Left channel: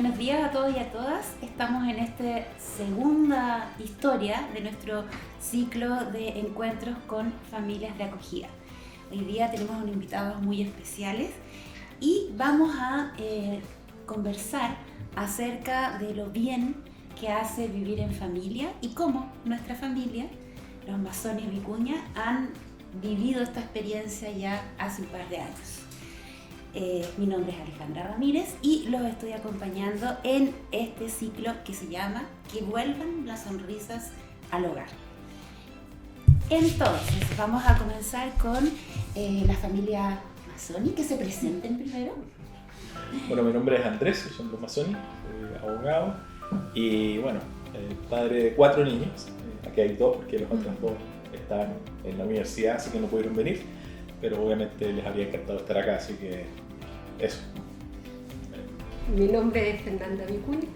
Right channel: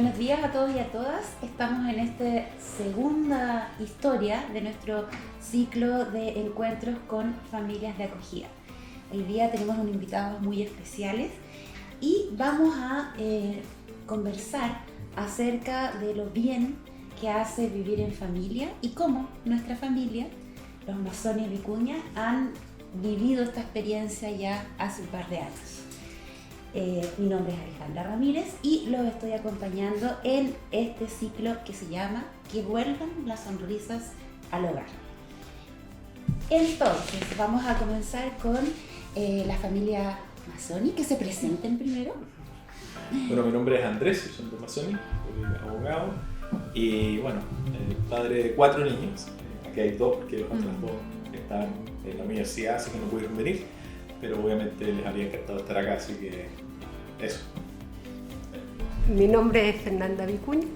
Buenos días a todos y a todas. Estamos en esta segunda historia de nuestro ciclo de encuentros con familias de acogida. Hoy día tenemos unos invitados muy especiales y vamos a conversar acerca de lo bien que hace vivir en familia y cómo nuestra familia, los Mazones Vicuña, han vivido esta experiencia ya hace un par de años. Mi nombre es Alejandra Ramírez y los estoy acompañando en este ciclo que se llama Que vuelvan las sonrisas al hogar. Entonces, vamos a comenzar con la familia Mazzoni, que se presenten primero. Bueno, mi nombre es Andrés, soy Andrés Mazzoni, soy abogado y bueno, padre de 4 niños. Aquí hay 2 porque los otros 2 están en la universidad, así que no pudieron venir, pero obviamente les habría encantado estar acá, así que eso. Mi nombre es Fernanda Vicuña,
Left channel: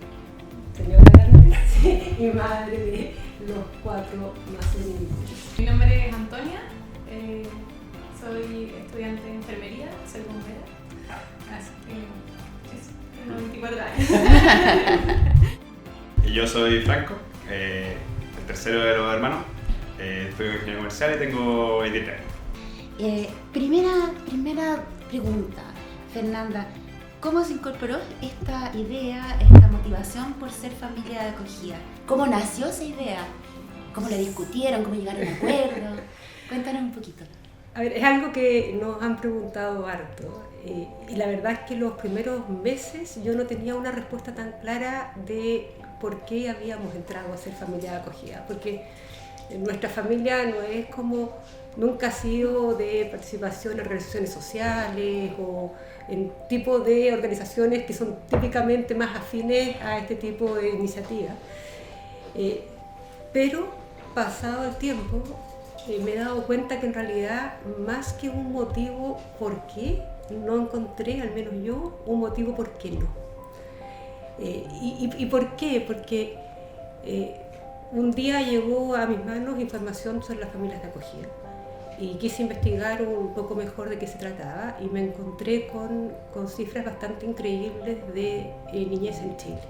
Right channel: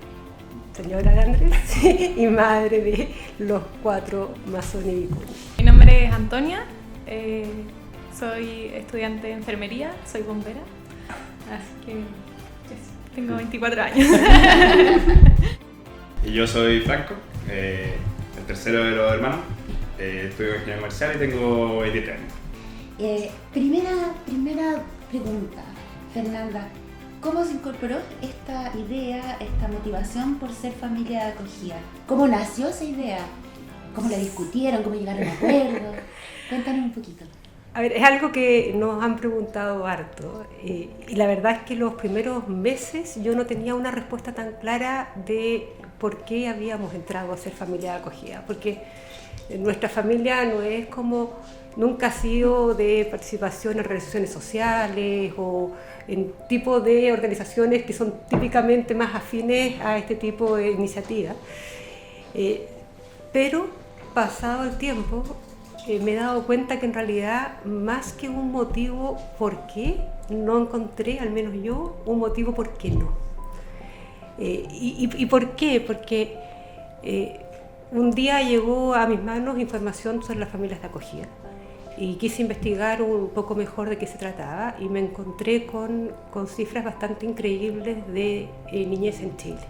señora García, y madre de los 4 Mazzoni Vicuña. Mi nombre es Antonia, soy estudiante de enfermería, soy bombera, así que tengo 24 años. Y yo soy Franco, el tercero de los hermanos, estudio ingeniería comercial y tengo 23 años. Primera pregunta, Fernanda, ¿cómo se incorporó esta idea, esta motivación por ser familia de acogida? ¿Cómo nació esa idea? ¿Cómo la discutieron? ¿Cómo llegaron a acuerdo? Cuéntanos un poquito. A ver, es algo que nos han preguntado harto y la verdad es que los primeros meses yo no tenía una respuesta tan clara de por qué habíamos entrado a ser familia de acogida, porque nuestra familia no es como, nunca ha sido de participación en organizaciones sociales o en tipo de organizaciones que son típicamente más afines a este tipo de iniciativas. Pero pasado el tiempo me he dado cuenta que en realidad más que un motivo por qué, no encontré, al menos yo, un motivo por qué no. ¿Y por qué? Porque un día llegó a mis manos información sobre las familias de acogida y quise investigar un poco mejor de qué se trataba y me encontré con cifras bastante increíbles de niñez en Chile.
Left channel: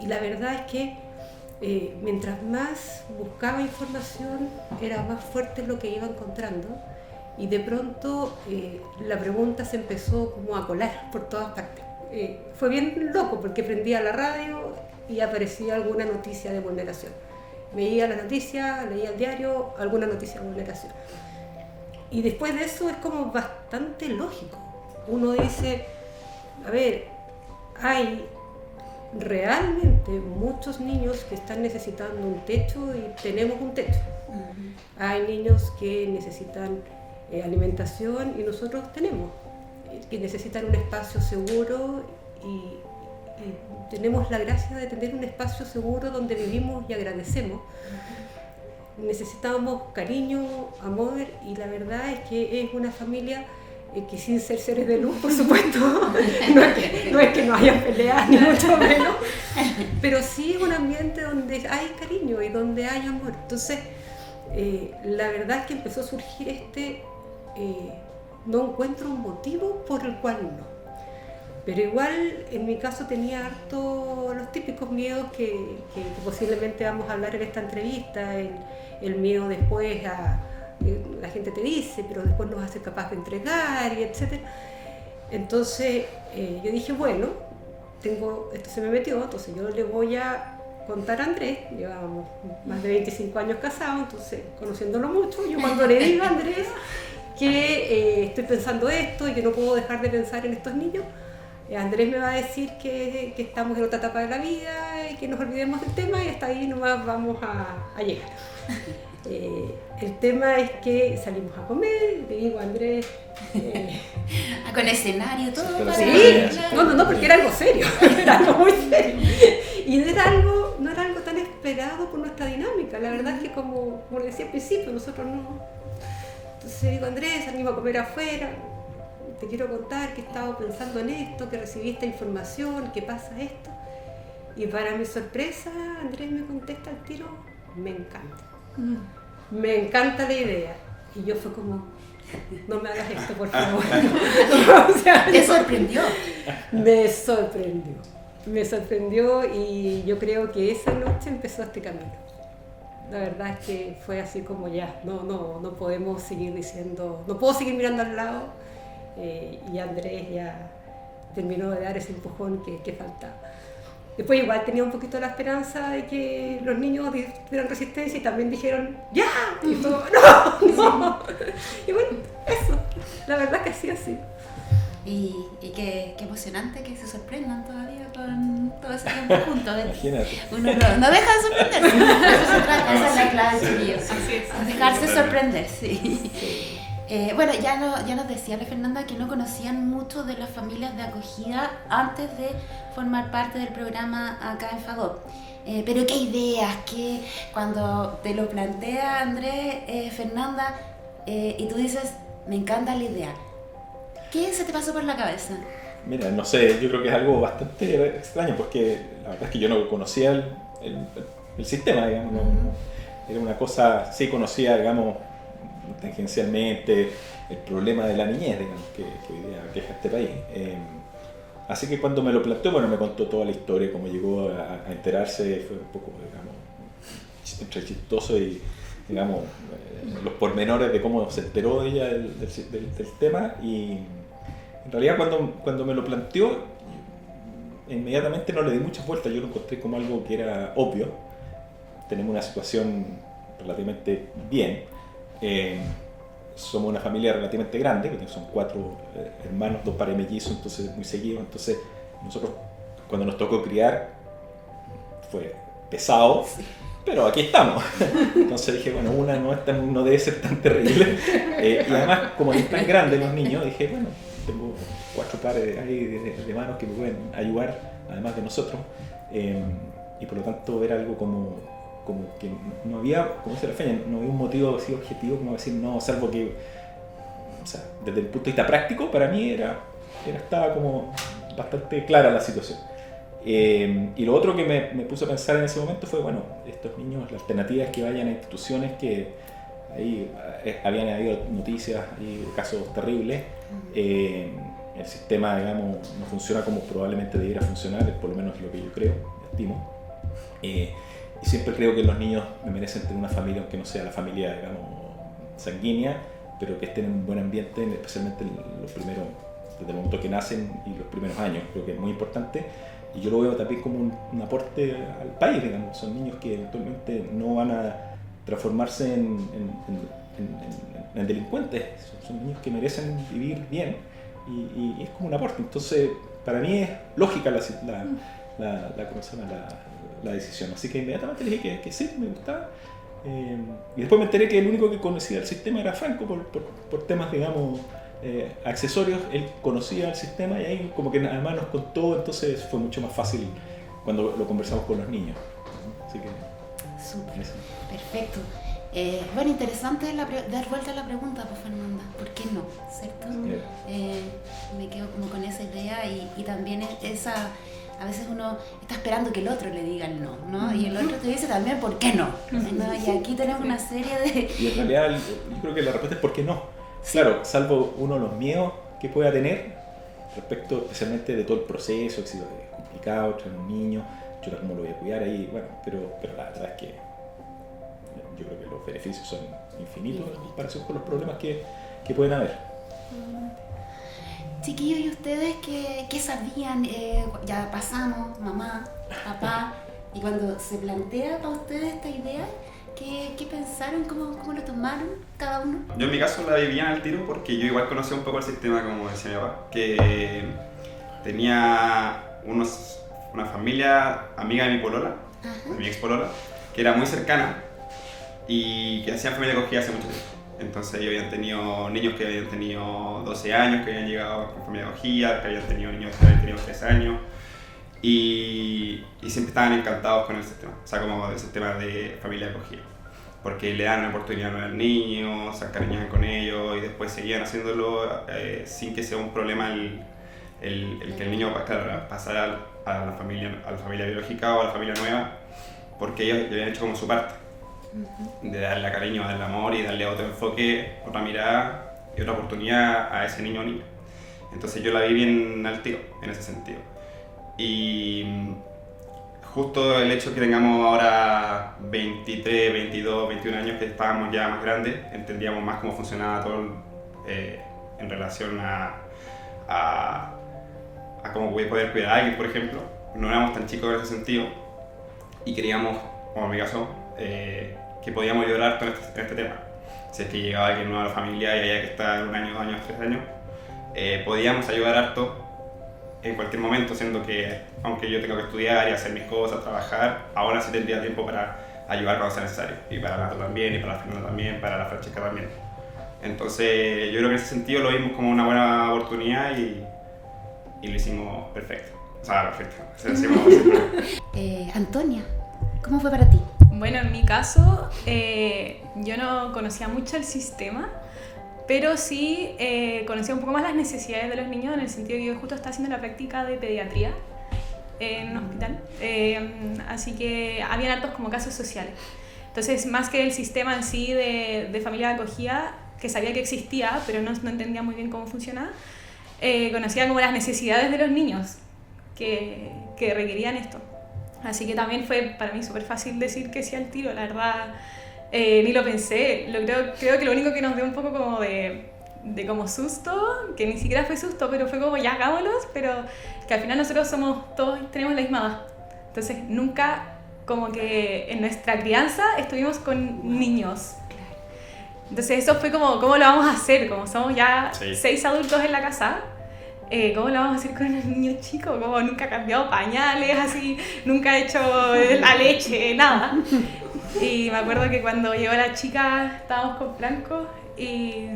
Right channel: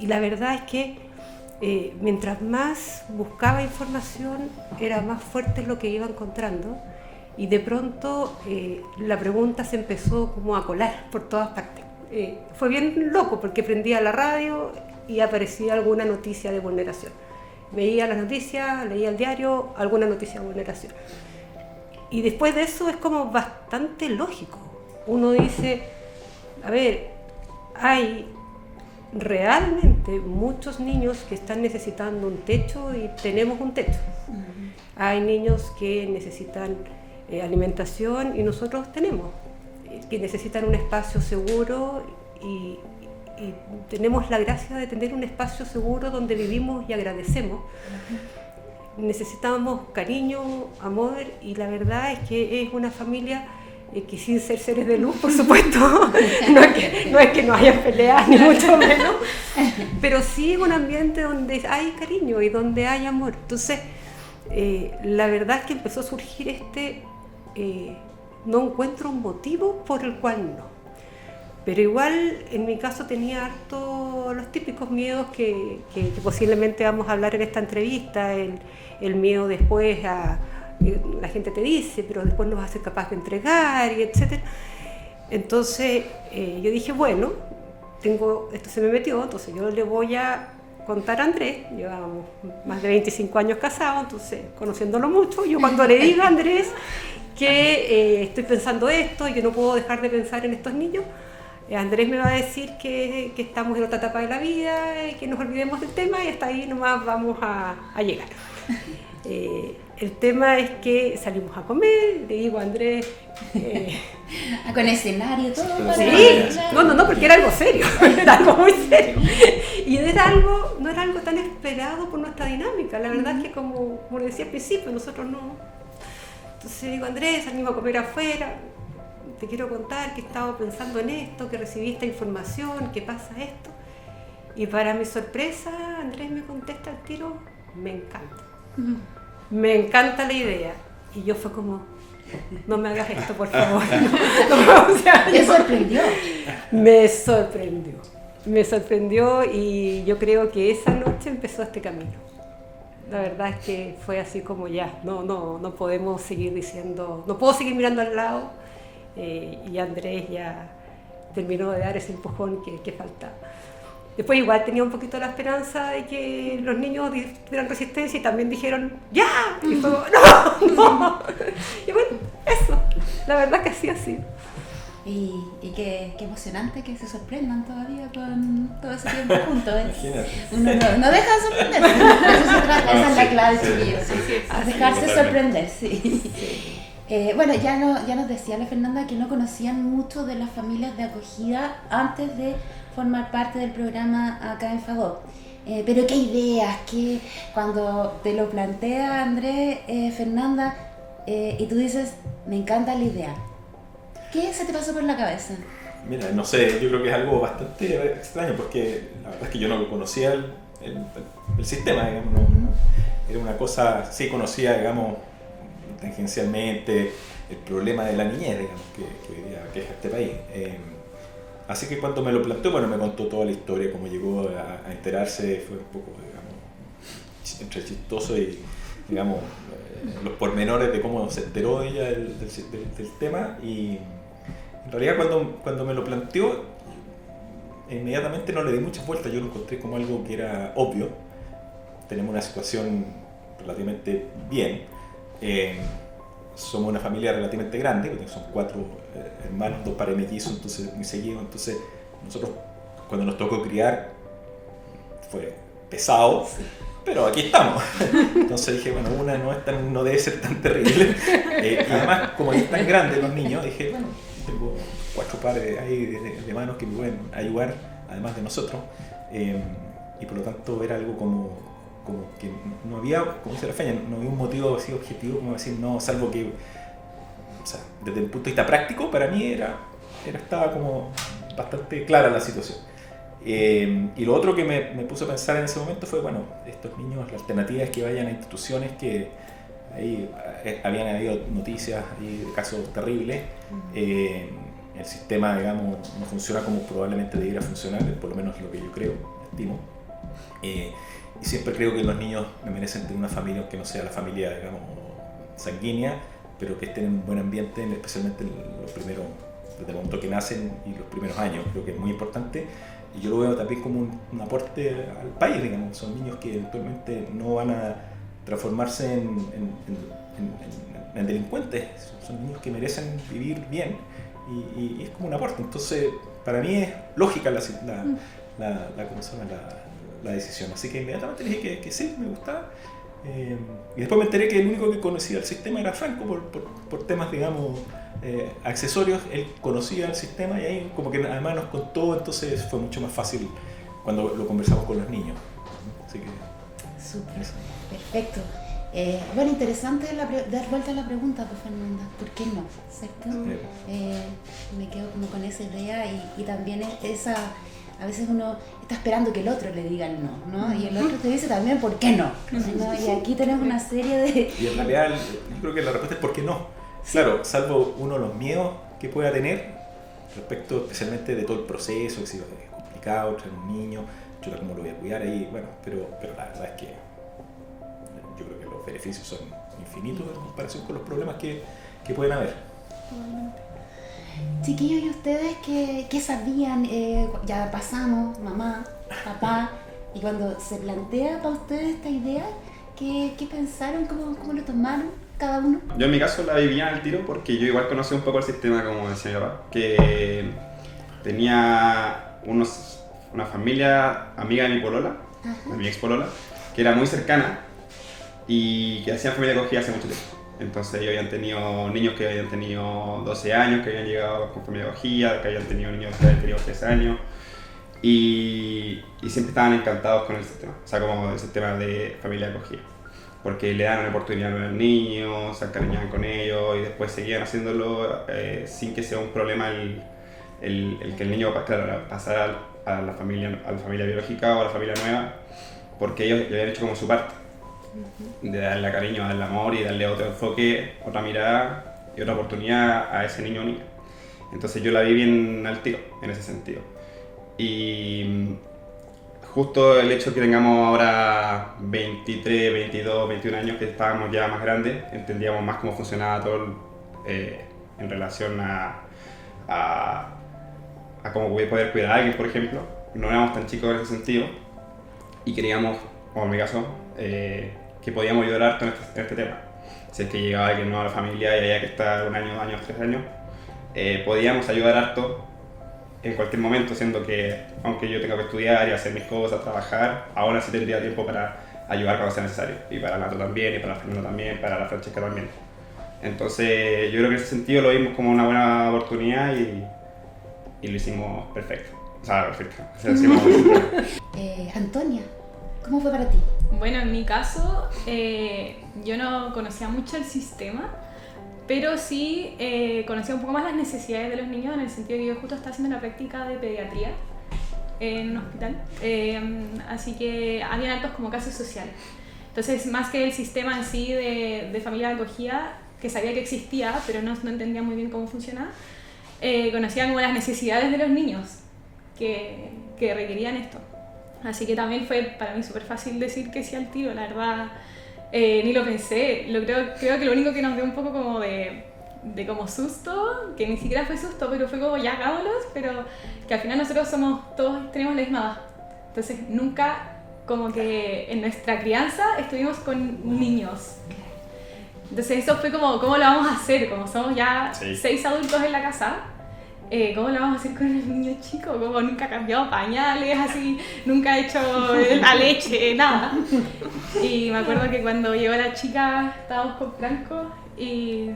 Y la verdad es que mientras más buscaba información era más fuerte lo que iba encontrando y de pronto la pregunta se empezó como a colar por todas partes. Fue bien loco porque prendía la radio y aparecía alguna noticia de vulneración. Veía las noticias, leía el diario, alguna noticia de vulneración. Y después de eso es como bastante lógico. Uno dice, a ver, hay realmente muchos niños que están necesitando un techo y tenemos un techo. Hay niños que necesitan alimentación y nosotros tenemos, que necesitan un espacio seguro y tenemos la gracia de tener un espacio seguro donde vivimos y agradecemos. Necesitamos cariño, amor y la verdad es que es una familia que sin ser seres de luz, por supuesto, no es que no haya peleas ni mucho menos, pero sí es un ambiente donde hay cariño y donde hay amor. Entonces, la verdad es que empezó a surgir no encuentro un motivo por el cual no. Pero igual, en mi caso tenía harto los típicos miedos que posiblemente vamos a hablar en esta entrevista, el miedo después a la gente te dice, pero después no vas a ser capaz de entregar, y etc. Entonces yo dije, bueno, esto se me metió, entonces yo le voy a contar a Andrés, llevamos más de 25 años casados, entonces conociéndolo mucho, yo cuando le diga a Andrés que estoy pensando esto y que no puedo dejar de pensar en estos niños, Andrés me va a decir que estamos en otra etapa de la vida y que nos olvidemos del tema y hasta ahí nomás vamos a llegar. El tema es que salimos a comer, le digo a Andrés... con escenario, todo. Sí, no, porque era algo serio, era algo muy serio. Y no era algo tan esperado por nuestra dinámica. La verdad es que como decía al principio, nosotros no... Entonces digo, Andrés, salimos a comer afuera, te quiero contar que he estado pensando en esto, que recibí esta información, que pasa esto. Y para mi sorpresa, Andrés me contesta al tiro, me encanta. Me encanta la idea. Y yo fue como, no me hagas esto, por favor. O sea, ¿Te sorprendió? Me sorprendió. me sorprendió y yo creo que esa noche empezó este camino. La verdad es que fue así como ya, no podemos seguir diciendo, no puedo seguir mirando al lado, y Andrés ya terminó de dar ese empujón que faltaba. Después igual tenía un poquito la esperanza de que los niños tuvieran resistencia y también dijeron ¡ya! Y todo, ¡no! Y bueno, eso, la verdad que así ha sido. Y qué emocionante que se sorprendan todavía con todo ese tiempo juntos. Imagínate. Uno no deja de sorprenderse, de eso se trata, esa es la clave, chiquillos. Dejarse sorprender, sí. Bueno, ya nos decía la Fernanda que no conocían mucho de las familias de acogida antes de formar parte del programa acá en FADOP. Pero qué ideas, que cuando te lo plantea Andrés, Fernanda, y tú dices, me encanta la idea. ¿Qué se te pasó por la cabeza? Mira, no sé, yo creo que es algo bastante extraño porque la verdad es que yo no conocía el sistema, digamos, era una cosa, sí conocía, digamos, tangencialmente el problema de la niñez, digamos, que hoy día aqueja este país. Así que cuando me lo planteó, bueno, me contó toda la historia, cómo llegó a enterarse, fue un poco, digamos, entre chistoso y, digamos, los pormenores de cómo se enteró ella del tema. Y en realidad cuando me lo planteó, inmediatamente no le di muchas vueltas, yo lo encontré como algo que era obvio. Tenemos una situación relativamente bien. Somos una familia relativamente grande, porque son 4 hermanos, 2 pares mellizos, entonces muy seguidos. Entonces nosotros cuando nos tocó criar fue pesado, pero aquí estamos. Entonces dije, bueno, una no debe ser tan terrible. Y además, como ahí están grandes los niños, dije, bueno, tengo 4 pares ahí de manos que me pueden ayudar, además de nosotros. Y por lo tanto era algo como que no había, como dice la Feña, no había un motivo así objetivo como decir no, salvo que, o sea, desde el punto de vista práctico, para mí estaba como bastante clara la situación. Y lo otro que me puso a pensar en ese momento fue, bueno, estos niños, la alternativa es que vayan a instituciones que ahí habían habido noticias y de casos terribles. El sistema, digamos, no funciona como probablemente debiera funcionar, por lo menos lo que yo creo, estimo. Y siempre creo que los niños merecen tener una familia, aunque no sea la familia, digamos, sanguínea, pero que estén en un buen ambiente, especialmente los primeros, desde el momento que nacen y los primeros años. Creo que es muy importante. Y yo lo veo también como un aporte al país, digamos. Son niños que eventualmente no van a transformarse en delincuentes. Son niños que merecen vivir bien y es como un aporte. Entonces, para mí es lógica la decisión. Así que inmediatamente le dije que sí, me gustaba. Y después me enteré que el único que conocía el sistema era Franco por temas, digamos, accesorios. Él conocía el sistema y ahí como que además nos contó, entonces fue mucho más fácil cuando lo conversamos con los niños. Así que súper, perfecto. Bueno, interesante dar vuelta a la pregunta, pues, Fernanda, ¿por qué no? ¿Cierto? Me quedo como con esa idea y también esa, a veces uno está esperando que el otro le diga el no, ¿no? Y el otro te dice también ¿por qué no? ¿No? Y aquí tenemos una serie de... Y en realidad yo creo que la respuesta es ¿por qué no? Claro, salvo uno de los miedos que pueda tener respecto especialmente de todo el proceso, que si es complicado, traer un niño, yo cómo lo voy a cuidar ahí, bueno, pero la verdad es que yo creo que los beneficios son infinitos en comparación con los problemas que pueden haber. Chiquillos, ¿y ustedes qué sabían? Ya pasamos, mamá, papá, y cuando se plantea para ustedes esta idea, ¿qué pensaron? ¿Cómo lo tomaron cada uno? Yo en mi caso la vivía al tiro porque yo igual conocí un poco el sistema, como decía mi papá, que tenía una familia amiga de mi polola, de mi ex polola, que era muy cercana y que hacían familia acogida hace mucho tiempo. Entonces ellos habían tenido niños que habían tenido 12 años, que habían llegado con familia acogida, que habían tenido niños que habían tenido 3 años y siempre estaban encantados con el sistema, o sea, como el sistema de familia acogida, porque le dan la oportunidad a los niños, se encariñaban con ellos y después seguían haciéndolo sin que sea un problema el que el niño, claro, pasara a la familia biológica o a la familia nueva, porque ellos ya habían hecho como su parte, de darle cariño, darle amor y darle otro enfoque, otra mirada y otra oportunidad a ese niño o niña. Entonces yo la vi bien al tiro en ese sentido. Y justo el hecho que tengamos ahora 23, 22, 21 años, que estábamos ya más grandes, entendíamos más cómo funcionaba todo en relación a cómo poder cuidar a alguien, por ejemplo. No éramos tan chicos en ese sentido y queríamos, como en mi caso, que podíamos ayudar harto en este tema. Si es que llegaba alguien nuevo a la familia y había que estar 1 año, 2 años, 3 años, podíamos ayudar harto en cualquier momento, siendo que aunque yo tengo que estudiar y hacer mis cosas, trabajar, aún así tendría tiempo para ayudar cuando sea necesario. Y para Nato también, y para la Fernanda también, para la Francesca también. Entonces yo creo que en ese sentido lo vimos como una buena oportunidad y lo hicimos perfecto. O sea, perfecto. O sea, Antonia, ¿cómo fue para ti? Bueno, en mi caso, yo no conocía mucho el sistema, pero sí conocía un poco más las necesidades de los niños, en el sentido de que yo justo estaba haciendo la práctica de pediatría en un hospital, así que había altos como casos sociales. Entonces, más que el sistema en sí de familia de acogida, que sabía que existía, pero no entendía muy bien cómo funcionaba, conocía como las necesidades de los niños que requerían esto. Así que también fue para mí súper fácil decir que sí al tiro, la verdad. Ni lo pensé, creo que lo único que nos dio un poco como de como susto, que ni siquiera fue susto, pero fue como ya hagámoslos, pero que al final nosotros todos tenemos la misma edad. Entonces nunca como que en nuestra crianza estuvimos con niños. Entonces eso fue como, ¿cómo lo vamos a hacer? Como somos ya 6 adultos en la casa, ¿cómo lo vamos a hacer con el niño chico? Como nunca ha cambiado pañales, así, nunca ha hecho la leche, nada. Y me acuerdo que cuando llegó la chica estábamos con Franco y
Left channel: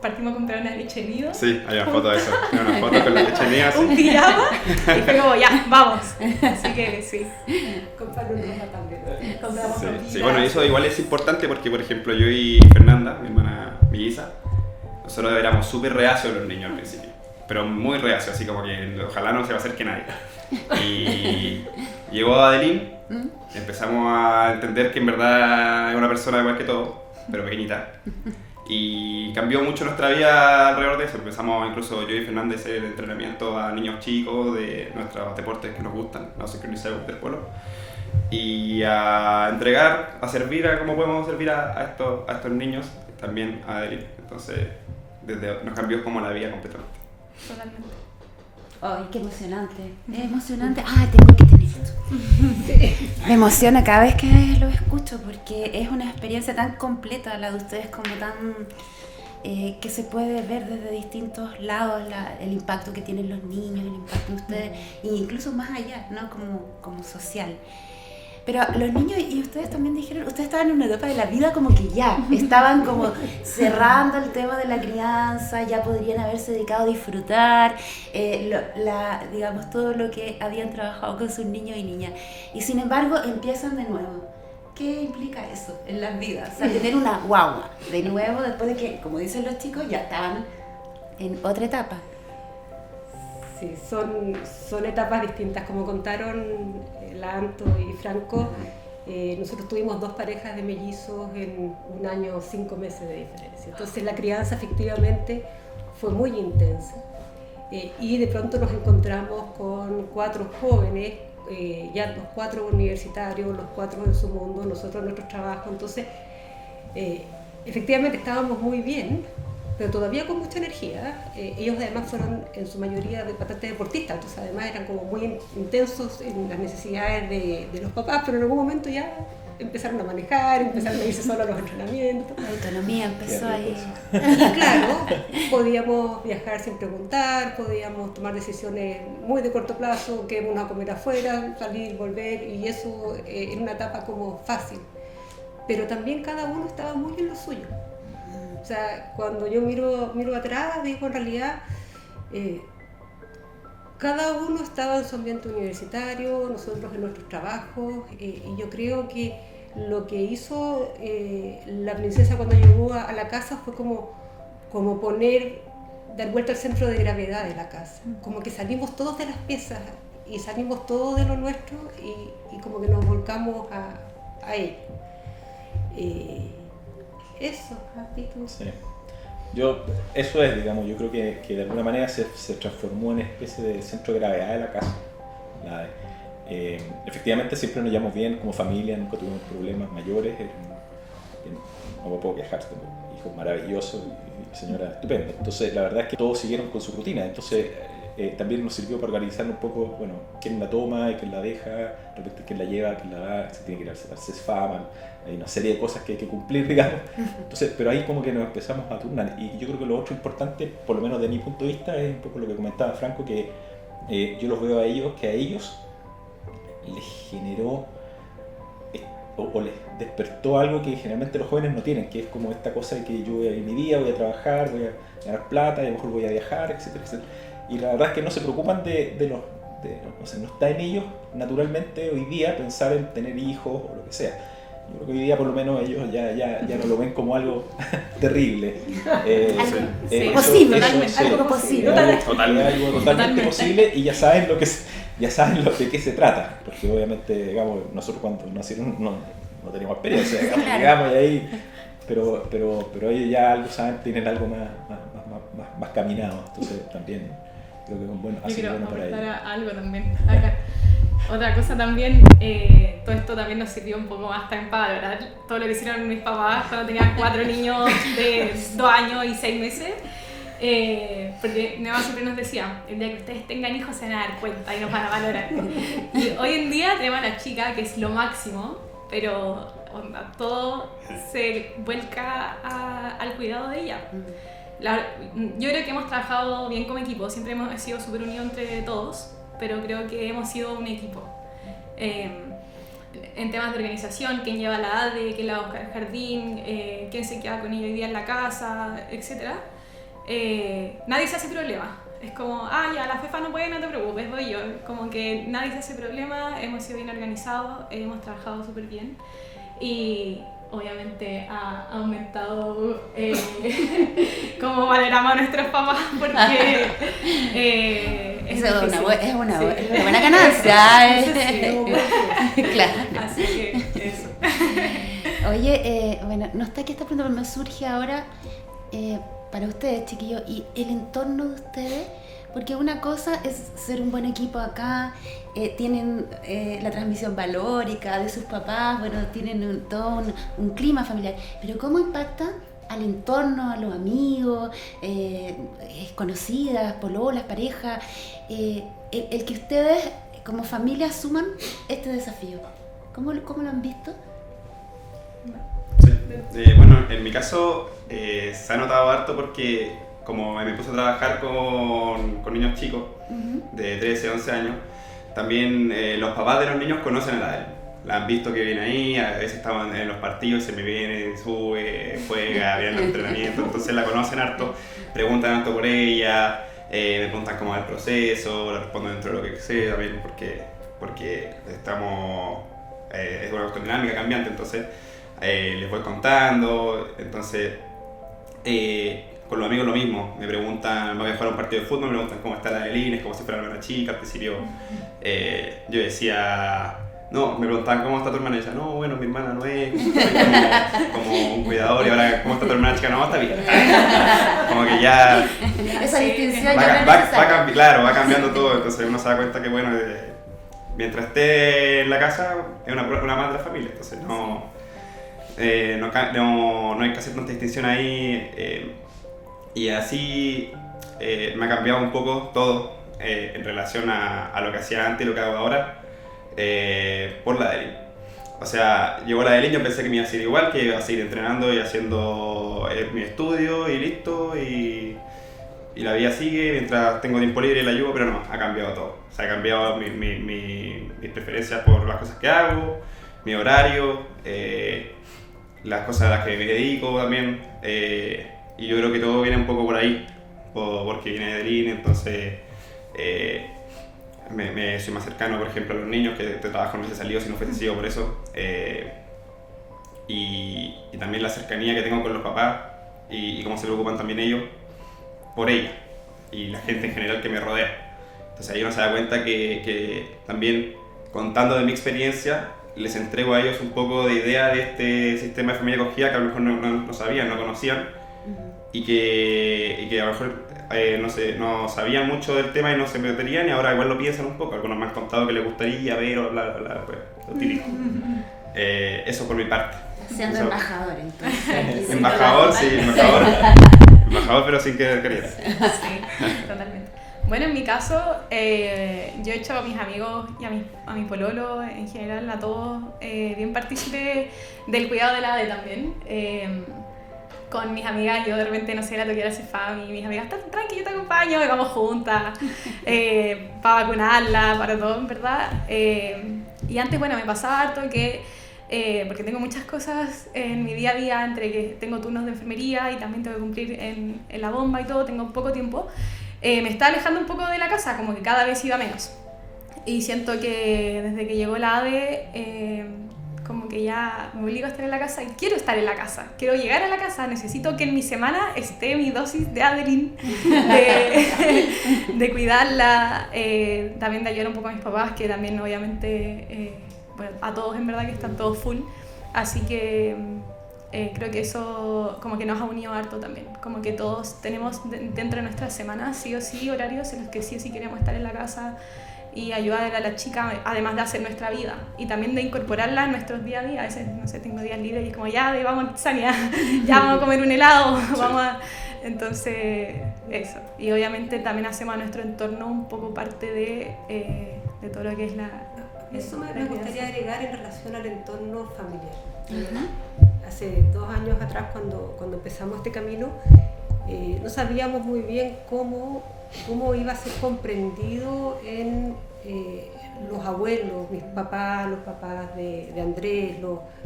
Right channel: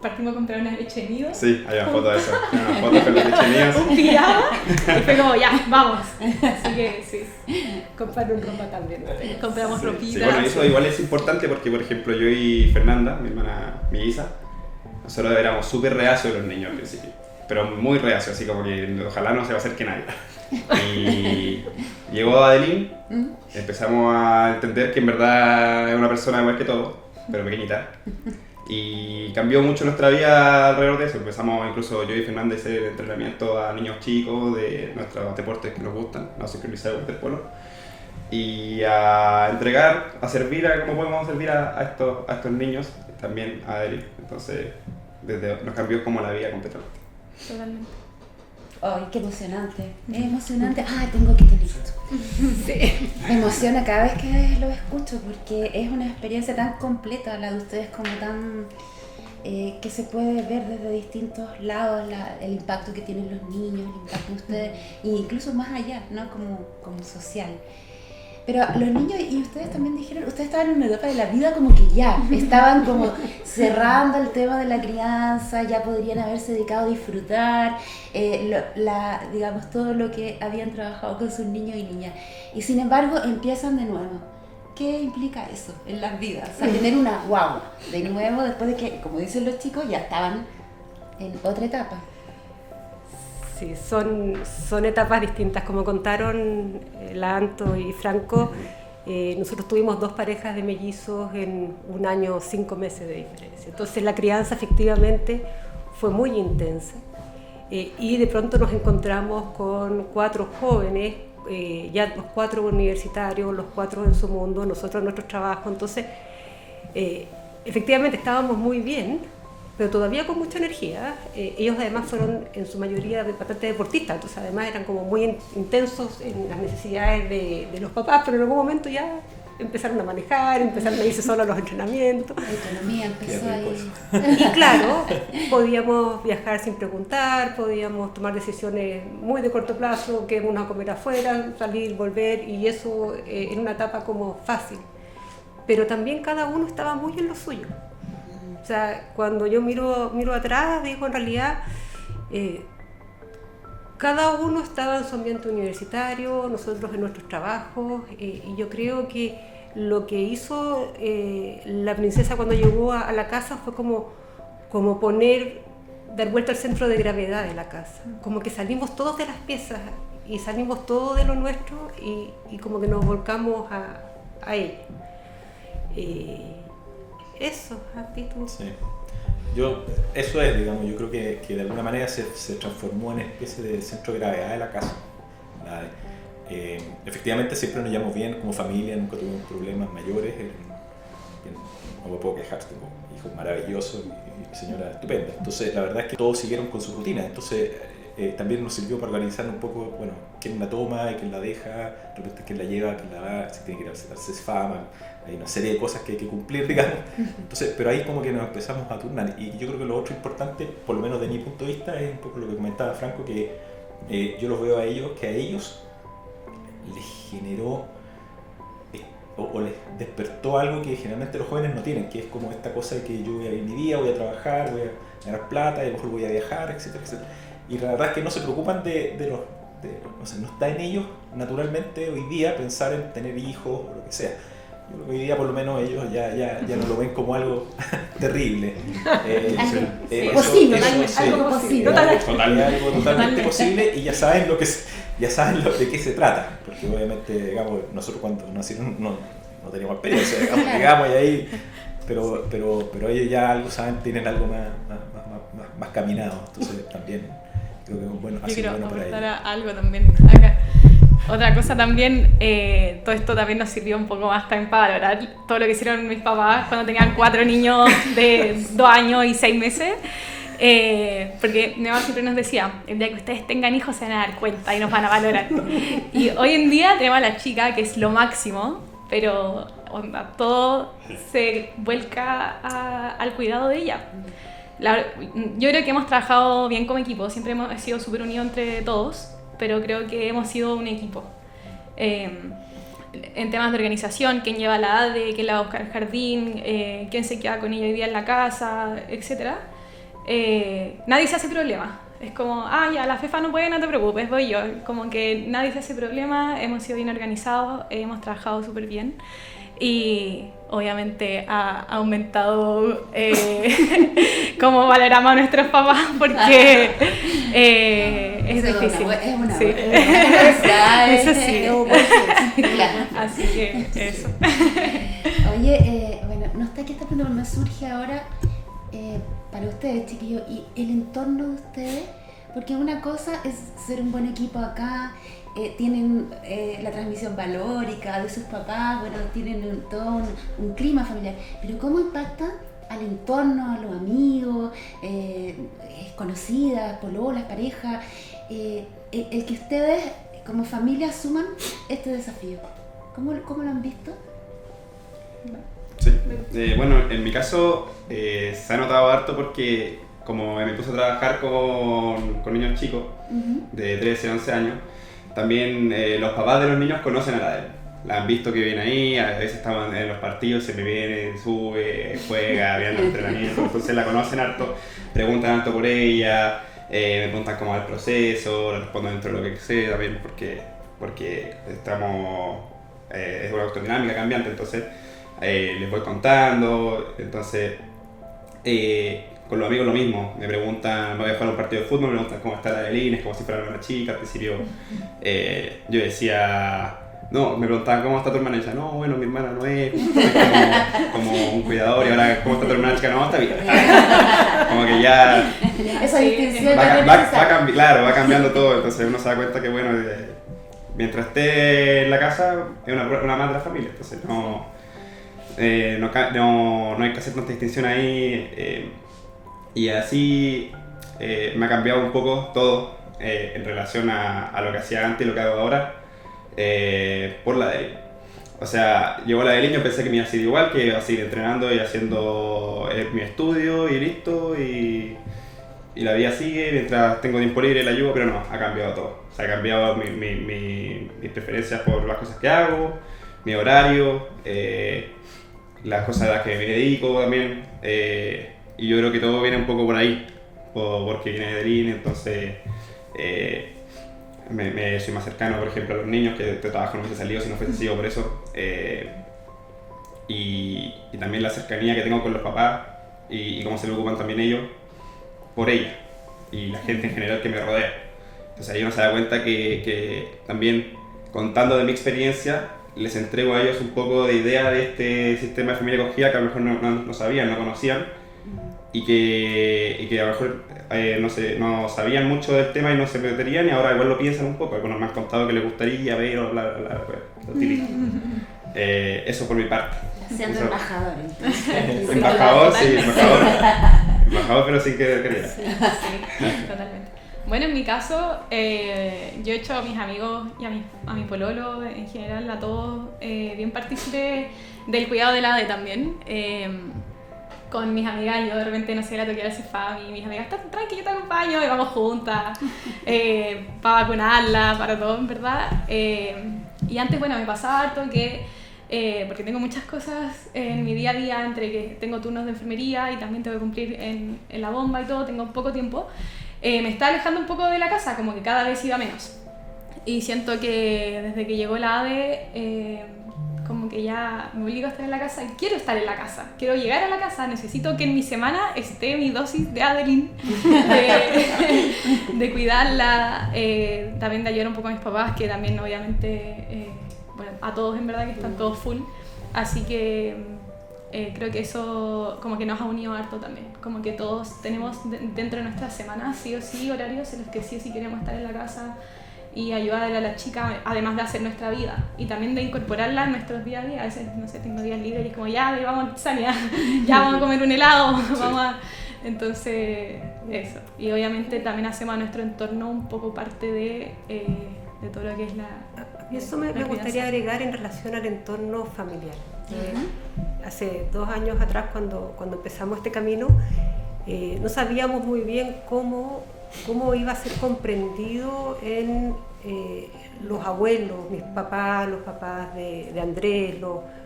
partimos a comprar una leche nido. Sí, hay una foto de eso. Hay una foto con la leche nido así. Un pijama y fue como, ya, vamos. Así que sí. Compraron ropa también. Compramos ropita. Sí, bueno, eso igual es importante porque, por ejemplo, yo y Fernanda, mi hermana melliza, nosotros éramos súper reacios de los niños al principio. Pero muy reacios, así como que ojalá no se va a acerque nadie. Y llegó Adeline, empezamos a entender que en verdad es una persona igual que todos, pero pequeñita. Y cambió mucho nuestra vida alrededor de eso. Empezamos incluso yo y Fernanda a hacer entrenamiento a niños chicos de nuestros deportes que nos gustan, la sincronizar el waterpolo. Y a entregar, a servir a cómo podemos servir a estos niños, también a Adeline. Entonces nos cambió como la vida completamente. Totalmente. Ay, qué emocionante. Es emocionante. Ah, tengo que tener esto. Sí. Me emociona cada vez que lo escucho porque es una experiencia tan completa la de ustedes, como tan que se puede ver desde distintos lados el impacto que tienen los niños, el impacto de ustedes, e incluso más allá, ¿no? Como social. Pero los niños, y ustedes también dijeron, ustedes estaban en una etapa de la vida como que ya, estaban como cerrando el tema de la crianza, ya podrían haberse dedicado a disfrutar, digamos, todo lo que habían trabajado con sus niños y niñas. Y sin embargo, empiezan de nuevo. ¿Qué implica eso en las vidas? O sea, tener una guagua de nuevo después de que, como dicen los chicos, ya estaban en otra etapa. Sí, son etapas distintas. Como contaron la Anto y Franco, nosotros tuvimos 2 parejas de mellizos en 1 año, 5 meses de diferencia. Entonces la crianza efectivamente fue muy intensa. Y de pronto nos encontramos con 4 jóvenes, ya los 4 universitarios, los 4 en su mundo, nosotros en nuestro trabajo. Entonces, efectivamente estábamos muy bien, pero todavía con mucha energía. Ellos además fueron en su mayoría bastante deportistas, entonces además eran como muy intensos en las necesidades de los papás, pero en algún momento ya empezaron a manejar, empezaron a irse solo a los entrenamientos. La autonomía empezó ahí. Y claro, podíamos viajar sin preguntar, podíamos tomar decisiones muy de corto plazo, que uno a comer afuera, salir, volver, y eso en una etapa como fácil. Pero también cada uno estaba muy en lo suyo. O sea, cuando yo miro atrás, digo, en realidad, cada uno estaba en su ambiente universitario, nosotros en nuestros trabajos, y yo creo que lo que hizo la princesa cuando llegó a la casa fue como dar vuelta al centro de gravedad de la casa. Como que salimos todos de las piezas y salimos todos de lo nuestro y como que nos volcamos a ella. Eso. Sí. Eso es, digamos, yo creo que de alguna manera se transformó en especie de centro de gravedad de la casa. la ADE. Efectivamente siempre nos llevamos bien como familia, nunca tuvimos problemas mayores, no me puedo quejar, tengo hijos maravillosos y mi señora estupenda. Entonces la verdad es que todos siguieron con su rutina, entonces también nos sirvió para organizar un poco, bueno, quién la toma y quién la deja, de repente quién la lleva, quién la va, se tiene que ir a hacer CESFAM, hay una serie de cosas que hay que cumplir, digamos. Entonces, pero ahí como que nos empezamos a turnar. Y yo creo que lo otro importante, por lo menos de mi punto de vista, es un poco lo que comentaba Franco, que yo los veo a ellos, que a ellos les generó o les despertó algo que generalmente los jóvenes no tienen, que es como esta cosa de que yo voy a ir mi día, voy a trabajar, voy a ganar plata, y a lo mejor voy a viajar, etcétera, etcétera. Y la verdad es que no se preocupan no sé, no está en ellos naturalmente hoy día pensar en tener hijos o lo que sea. Yo creo que hoy día por lo menos ellos ya no lo ven como algo terrible. Posible, algo posible. Algo totalmente posible, y ya saben de qué se trata. Porque obviamente, digamos, nosotros cuando nacimos no teníamos experiencia, digamos, llegamos y ahí, pero ellos ya algo saben, tienen algo más caminado, entonces también creo que es bueno. Yo quiero aportar algo también acá. Otra cosa también, todo esto también nos sirvió un poco más también para valorar todo lo que hicieron mis papás cuando tenían 4 niños de 2 años y 6 meses. Porque mi mamá siempre nos decía, el día que ustedes tengan hijos se van a dar cuenta y nos van a valorar. Y hoy en día tenemos a la chica, que es lo máximo, pero todo se vuelca al cuidado de ella. Yo creo que hemos trabajado bien como equipo, siempre hemos sido súper unidos entre todos, pero creo que hemos sido un equipo. En temas de organización, quién lleva la ADE, quién la va a buscar al jardín, quién se queda con ella hoy día en la casa, etc. Nadie se hace problema. Es como, ya la Fefa no puede, no te preocupes, voy yo. Como que nadie se hace problema, hemos sido bien organizados, hemos trabajado súper bien. Y obviamente ha aumentado cómo valoramos a nuestros papás, porque es difícil. Es una sí. buena ganancia. Eso sí. Claro. Así que eso. Oye, bueno, no está aquí esta pregunta, pero me surge ahora para ustedes, chiquillos, y el entorno de ustedes, porque una cosa es ser un buen equipo acá, tienen la transmisión valórica de sus papás, bueno, tienen todo un clima familiar, pero ¿cómo impacta al entorno, a los amigos, conocidas, pololas, parejas, el que ustedes como familia asuman este desafío? ¿Cómo lo han visto? Sí. Bueno, en mi caso se ha notado harto porque como me puse a trabajar con niños chicos de 13, 11 años, también los papás de los niños conocen a la ADE. La han visto que viene ahí, a veces estaban en los partidos, se me viene, sube, juega, viene al entrenamiento, entonces la conocen harto, preguntan harto por ella, me preguntan cómo va el proceso, le respondo dentro de lo que sé también porque estamos, es una cuestión dinámica, cambiante, entonces les voy contando, entonces con los amigos lo mismo, me preguntan, voy a jugar un partido de fútbol, me preguntan cómo está la de Lines, cómo se fueron las chicas, qué sé yo. Yo decía, no, me preguntaban cómo está tu hermana, y yo decía, no, bueno, mi hermana no es, como un cuidador, y ahora cómo está tu hermana chica, no, está bien. Como que ya Esa distinción va cambiando todo, entonces uno se da cuenta que bueno, mientras esté en la casa es una más de la familia, entonces no hay que hacer tanta distinción ahí. Y así me ha cambiado un poco todo en relación a lo que hacía antes y lo que hago ahora por la Delin. O sea, llegó la Delin, yo pensé que me iba a ser igual, que iba a seguir entrenando y haciendo mi estudio y listo, y la vida sigue, mientras tengo tiempo libre la ayudo, pero no, ha cambiado todo. O sea, ha cambiado mis preferencias por las cosas que hago, mi horario, las cosas a las que me dedico también. Y yo creo que todo viene un poco por ahí, porque viene de línea, entonces soy más cercano, por ejemplo, a los niños, que de trabajo no hubiese salido si no fuese sido por eso. Y también la cercanía que tengo con los papás y cómo se lo ocupan también ellos por ella y la gente en general que me rodea. Entonces ahí uno se da cuenta que también contando de mi experiencia les entrego a ellos un poco de idea de este sistema de familia acogida que a lo mejor no sabían, no conocían, y que a lo mejor no sabían mucho del tema y no se meterían, y ahora igual lo piensan un poco. Algunos me han contado que les gustaría ver o pues, lo típico. Eso por mi parte. Siendo Eso. embajador, entonces. Embajador, sí, embajador, pero sin querer. Sí, totalmente. Bueno, en mi caso, yo he hecho a mis amigos y a mi pololo, en general, a todos, bien partícipe del cuidado de la ADE también. Con mis amigas, yo de repente, no sé, la toqué al sofá, mis amigas, están tranqui, yo te acompaño, y vamos juntas, para vacunarla, para todo, en verdad. Y antes, bueno, me pasaba harto que, porque tengo muchas cosas en mi día a día, entre que tengo turnos de enfermería y también tengo que cumplir en la bomba y todo, tengo poco tiempo, me está alejando un poco de la casa, como que cada vez iba menos. Y siento que desde que llegó la ADE, como que ya me obligo a estar en la casa y quiero estar en la casa, quiero llegar a la casa, necesito que en mi semana esté mi dosis de Adeline, de cuidarla, también de ayudar un poco a mis papás, que también obviamente, bueno, a todos en verdad que están todos full, así que creo que eso como que nos ha unido harto también, como que todos tenemos dentro de nuestras semanas sí o sí horarios en los que sí o sí queremos estar en la casa y ayudar a la chica, además de hacer nuestra vida y también de incorporarla en nuestros días a día. A veces, no sé, tengo días libres y es como ya, vamos a salir, ya vamos a comer un helado, vamos a... Entonces, eso. Y obviamente también hacemos a nuestro entorno un poco parte de todo lo que es la... Eso me gustaría agregar en relación al entorno familiar. Hace 2 años atrás, cuando empezamos este camino, no sabíamos muy bien cómo iba a ser comprendido en los abuelos, mis papás, los papás de Andrés,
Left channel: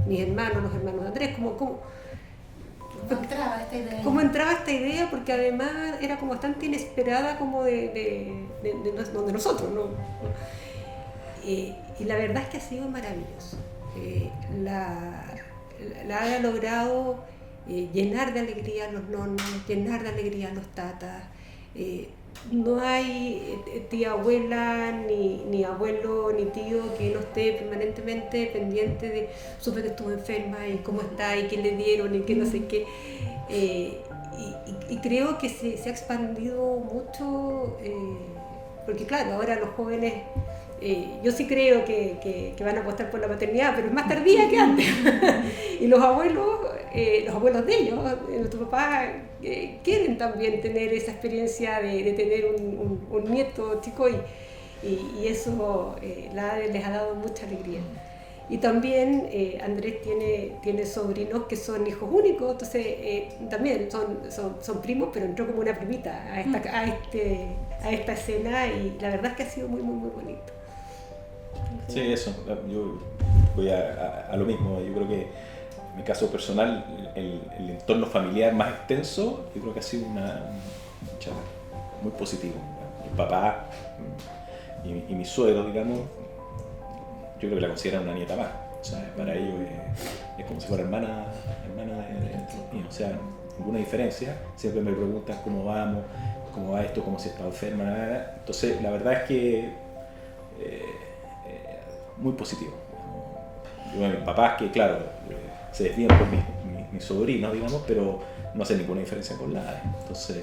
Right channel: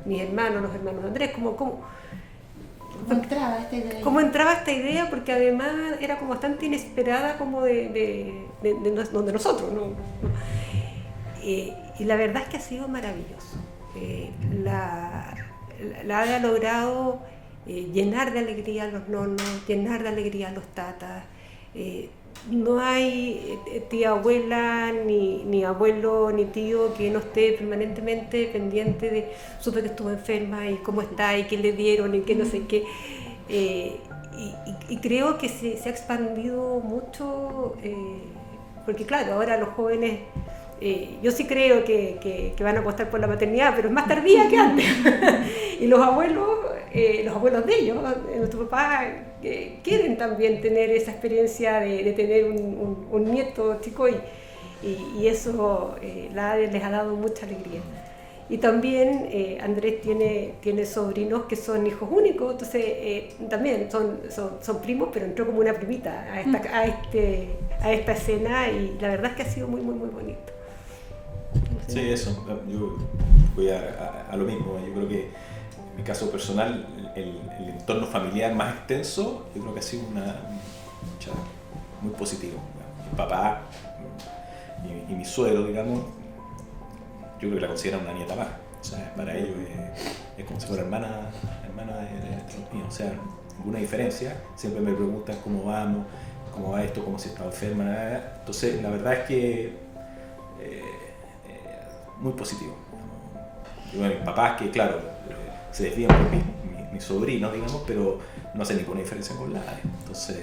mis hermanos, los hermanos de Andrés, ¿Cómo entraba esta idea? Porque además era como bastante inesperada como de nosotros, ¿no? Y la verdad es que ha sido maravilloso. La ADE ha logrado llenar de alegría a los nonos, llenar de alegría a los tatas. No hay tía abuela, ni abuelo, ni tío que no esté permanentemente pendiente de supe que estuvo enferma y cómo está y qué le dieron y qué no sé qué. Y creo que se ha expandido mucho, porque claro, ahora los jóvenes, yo sí creo que van a apostar por la maternidad, pero es más tardía que antes. Y los abuelos de ellos, nuestros papás, quieren también tener esa experiencia de tener un nieto chico y eso la ADE les ha dado mucha alegría. Y también Andrés tiene sobrinos que son hijos únicos, entonces también son primos, pero entró como una primita a esta escena y la verdad es que ha sido muy, muy, muy bonito. Sí, eso. Yo voy a lo mismo. Yo creo que en mi caso personal, el entorno familiar más extenso, yo creo que ha sido muy positivo. Mi papá y mi suegro, digamos, yo creo que la consideran una nieta más. O sea, para ellos es como si fuera hermana de mí. O sea, ninguna diferencia. Siempre me preguntan cómo vamos, cómo va esto, cómo si está enferma. Entonces, la verdad es que muy positivo. Yo veo a mis papás que, claro, se desvían por mi sobrino, digamos, pero no hace ninguna diferencia con la ADE. Entonces,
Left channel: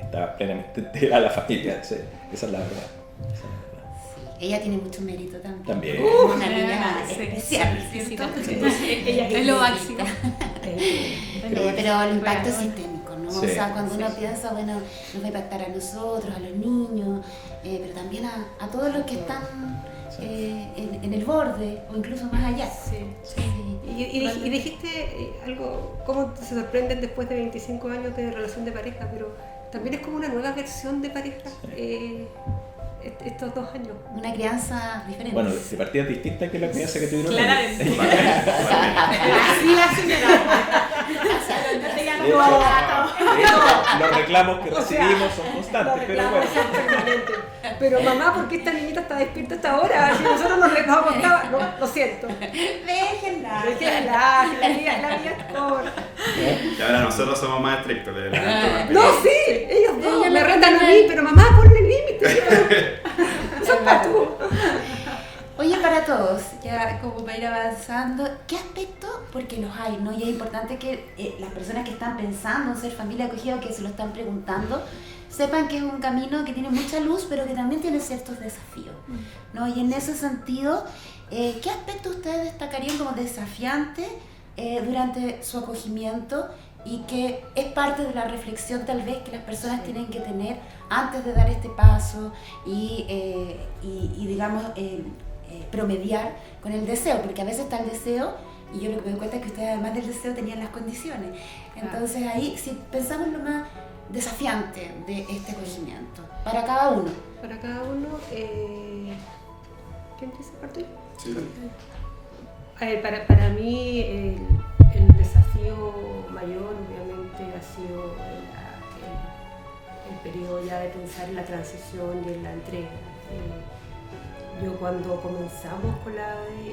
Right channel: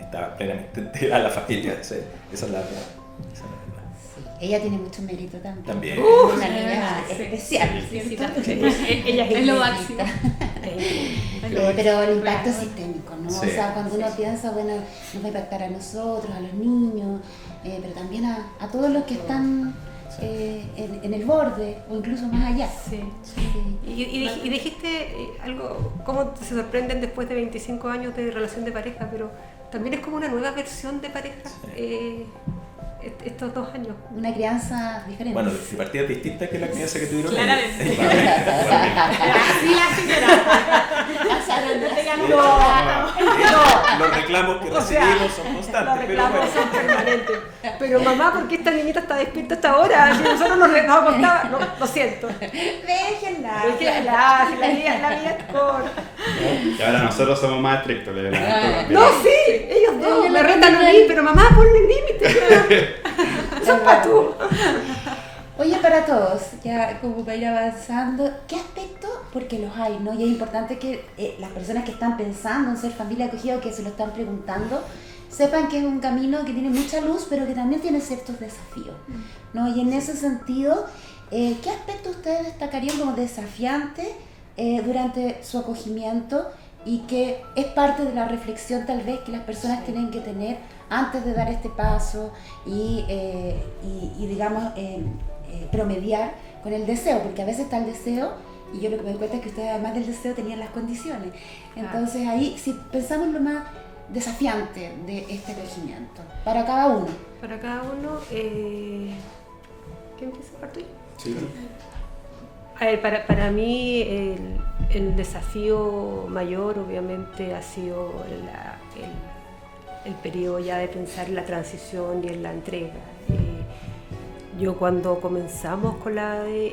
está plenamente integrada a la familia. Esa es la verdad. Ella tiene mucho mérito también. También. Una niña especial, ¿cierto? Ella Es lo máximo. Pero el impacto sistémico, ¿no? Sí. O sea, cuando uno piensa, bueno, nos va a impactar a nosotros, a los niños, pero también a todos los que están en el borde o incluso más allá. Sí. Y dijiste algo, cómo se sorprenden después de 25 años de relación de pareja, pero también es como una nueva versión de pareja. Estos 2 años. Una crianza diferente. Bueno, de partida distinta que la crianza que tuvieron. Claramente. Así la señora. No tengan Los reclamos que recibimos son constantes, pero bueno. Pero mamá, ¿por qué esta niñita está despierta hasta ahora? Si nosotros nos acostábamos, lo siento. Déjenla. La vida corta. Y ahora nosotros somos más estrictos. No, sí, ellos no, me retan a mí, pero mamá, ponle límite. Eso es para tú. Oye, para todos, ya como para ir avanzando, ¿qué aspecto porque los hay, ¿no? Y es importante que las personas que están pensando en ser familia acogida o que se lo están preguntando, sepan que es un camino que tiene mucha luz, pero que también tiene ciertos desafíos, ¿no? Y en ese sentido, ¿qué aspectos ustedes destacarían como desafiantes durante su acogimiento y que es parte de la reflexión tal vez que las personas tienen que tener antes de dar este paso y digamos, promediar con el deseo? Porque a veces está el deseo y yo lo que me doy cuenta es que ustedes además del deseo tenían las condiciones. Entonces ahí, si pensamos en lo más desafiante de este acogimiento, para cada uno. Para cada uno, ¿quién empieza? ¿Parto yo? Sí. A ver, para mí el desafío mayor obviamente ha sido el periodo ya de pensar en la transición y en la entrega. Yo cuando comenzamos con la ADE,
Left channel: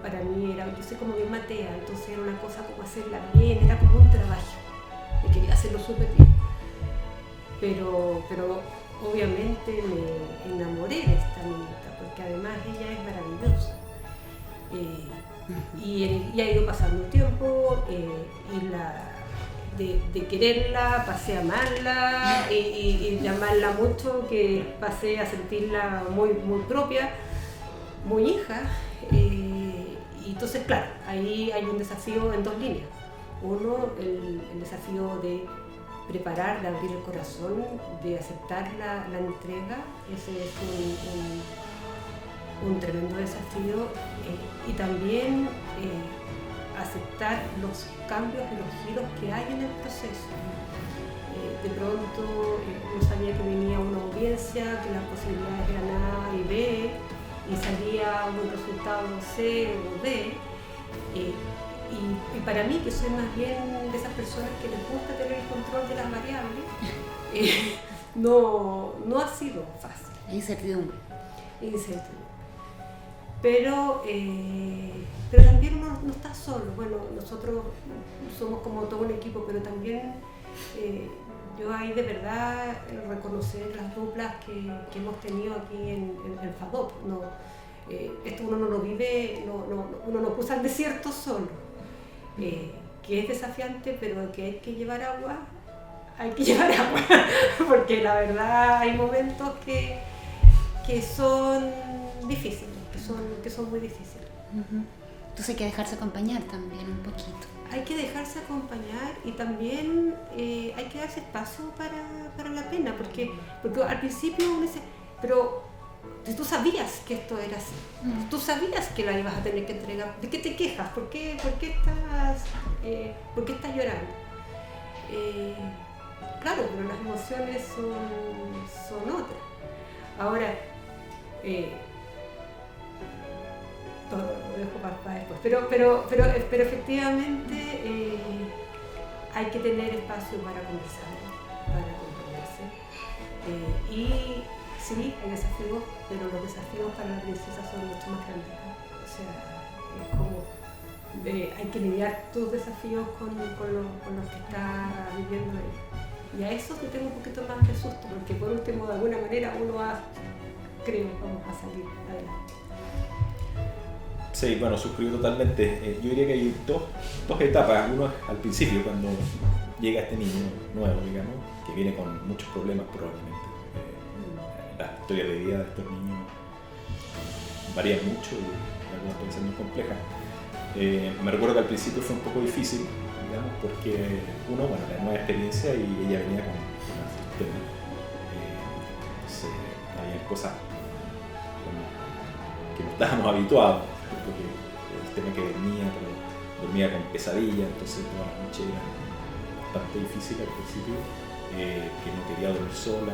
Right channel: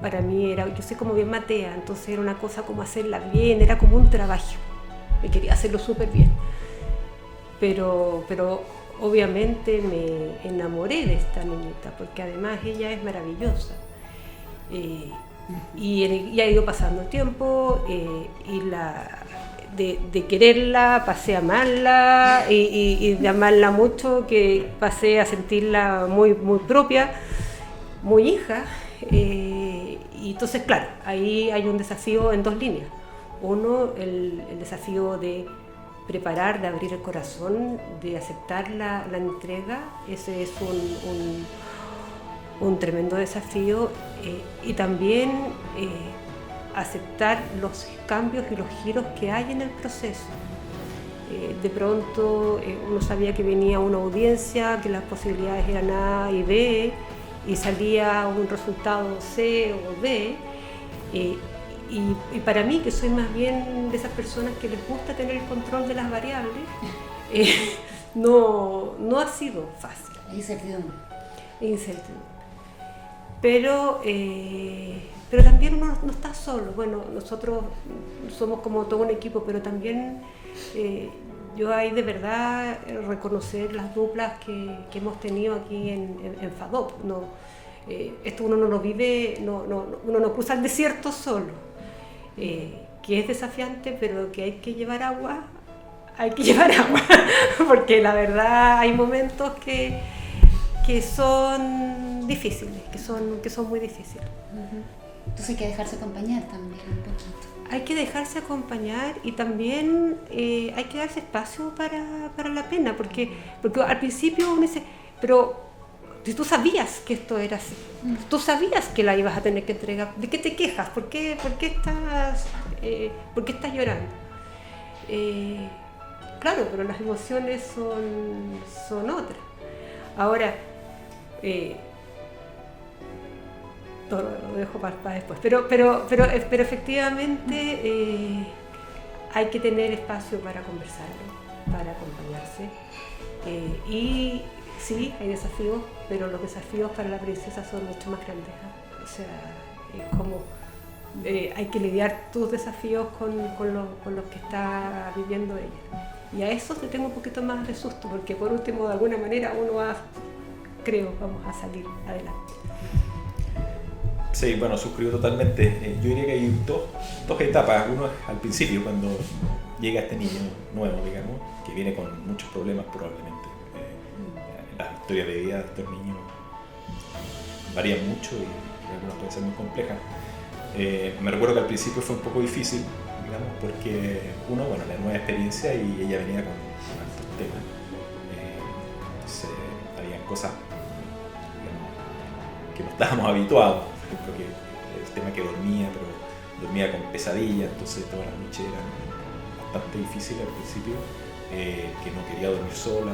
para mí era, yo soy como bien matea, entonces era una cosa como hacerla bien, era como un trabajo, me quería hacerlo súper bien. Pero obviamente me enamoré de esta niñita, porque además ella es maravillosa. Y ha ido pasando el tiempo de quererla pasé a amarla y de amarla mucho que pasé a sentirla muy, muy propia, muy hija. Y entonces, claro, ahí hay un desafío en dos líneas. Uno, el desafío de preparar, de abrir el corazón, de aceptar la entrega. Ese es un tremendo desafío, y también aceptar los cambios y los giros que hay en el proceso. De pronto uno sabía que venía una audiencia, que las posibilidades eran A y B, y salía un resultado C o D. Y para mí, que soy más bien de esas personas que les gusta tener el control de las variables, no ha sido fácil. Incertidumbre. Pero también uno no está solo. Bueno, nosotros somos como todo un equipo, pero también yo hay de verdad reconocer las duplas que hemos tenido aquí en FADOP. Esto uno no lo vive, uno no cruza el desierto solo, que es desafiante, pero que hay que llevar agua, porque la verdad hay momentos que son difíciles, que son muy difíciles. Entonces hay que dejarse acompañar también un poquito. Hay que dejarse acompañar y también hay que darse espacio para la pena, porque al principio uno dice, pero si tú sabías que esto era así, tú sabías que la ibas a tener que entregar, ¿de qué te quejas? ¿Por qué estás llorando? Claro, pero las emociones son otras. Ahora, todo lo dejo para después, pero efectivamente hay que tener espacio para conversar, para acompañarse. Y sí, hay desafíos, pero los desafíos para la princesa son mucho más grandes. O sea, es como hay que lidiar tus desafíos con los que está viviendo ella. Y a eso te tengo un poquito más de susto, porque por último, de alguna manera, vamos a salir adelante. Sí, bueno, suscribo totalmente. Yo diría que hay dos etapas. Uno es al principio, cuando llega este niño nuevo, digamos, que viene con muchos problemas probablemente. La historia de vida de estos niños varía mucho y algunas pueden ser muy complejas. Me recuerdo que al principio fue un poco difícil, digamos, porque uno, bueno, la nueva experiencia y ella venía con estos temas. Entonces, había cosas que no estábamos habituados. Porque el tema que dormía con pesadilla, entonces toda la noche era bastante difícil al principio, que no quería dormir sola,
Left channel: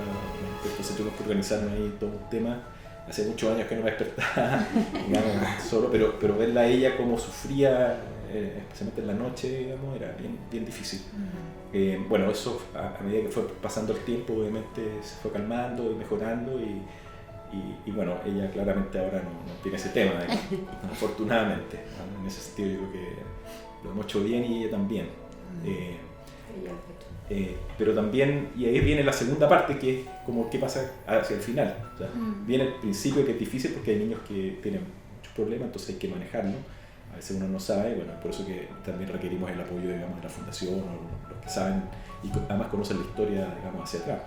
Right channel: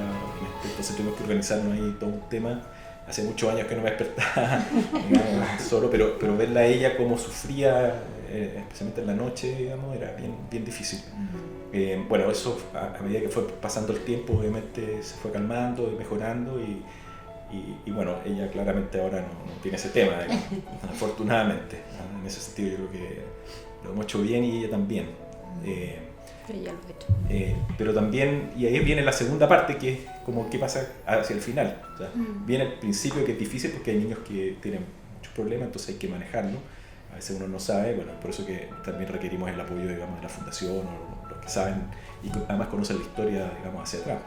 entonces tuvimos que organizarnos ahí todo un tema. Hace muchos años que no me despertaba digamos, solo, pero verla a ella cómo sufría, especialmente en la noche, digamos, era bien difícil. Bueno, eso a medida que fue pasando el tiempo, obviamente se fue calmando y mejorando y bueno, ella claramente ahora no tiene ese tema, afortunadamente. En ese sentido yo creo que lo hemos hecho bien y ella también. Pero también, y ahí viene la segunda parte, que es como qué pasa hacia el final. O sea, viene el principio, que es difícil porque hay niños que tienen muchos problemas, entonces hay que manejarlo. a veces uno no sabe, bueno, por eso que también requerimos el apoyo, digamos, de la fundación o los que saben y además conocen la historia, digamos, hacia atrás.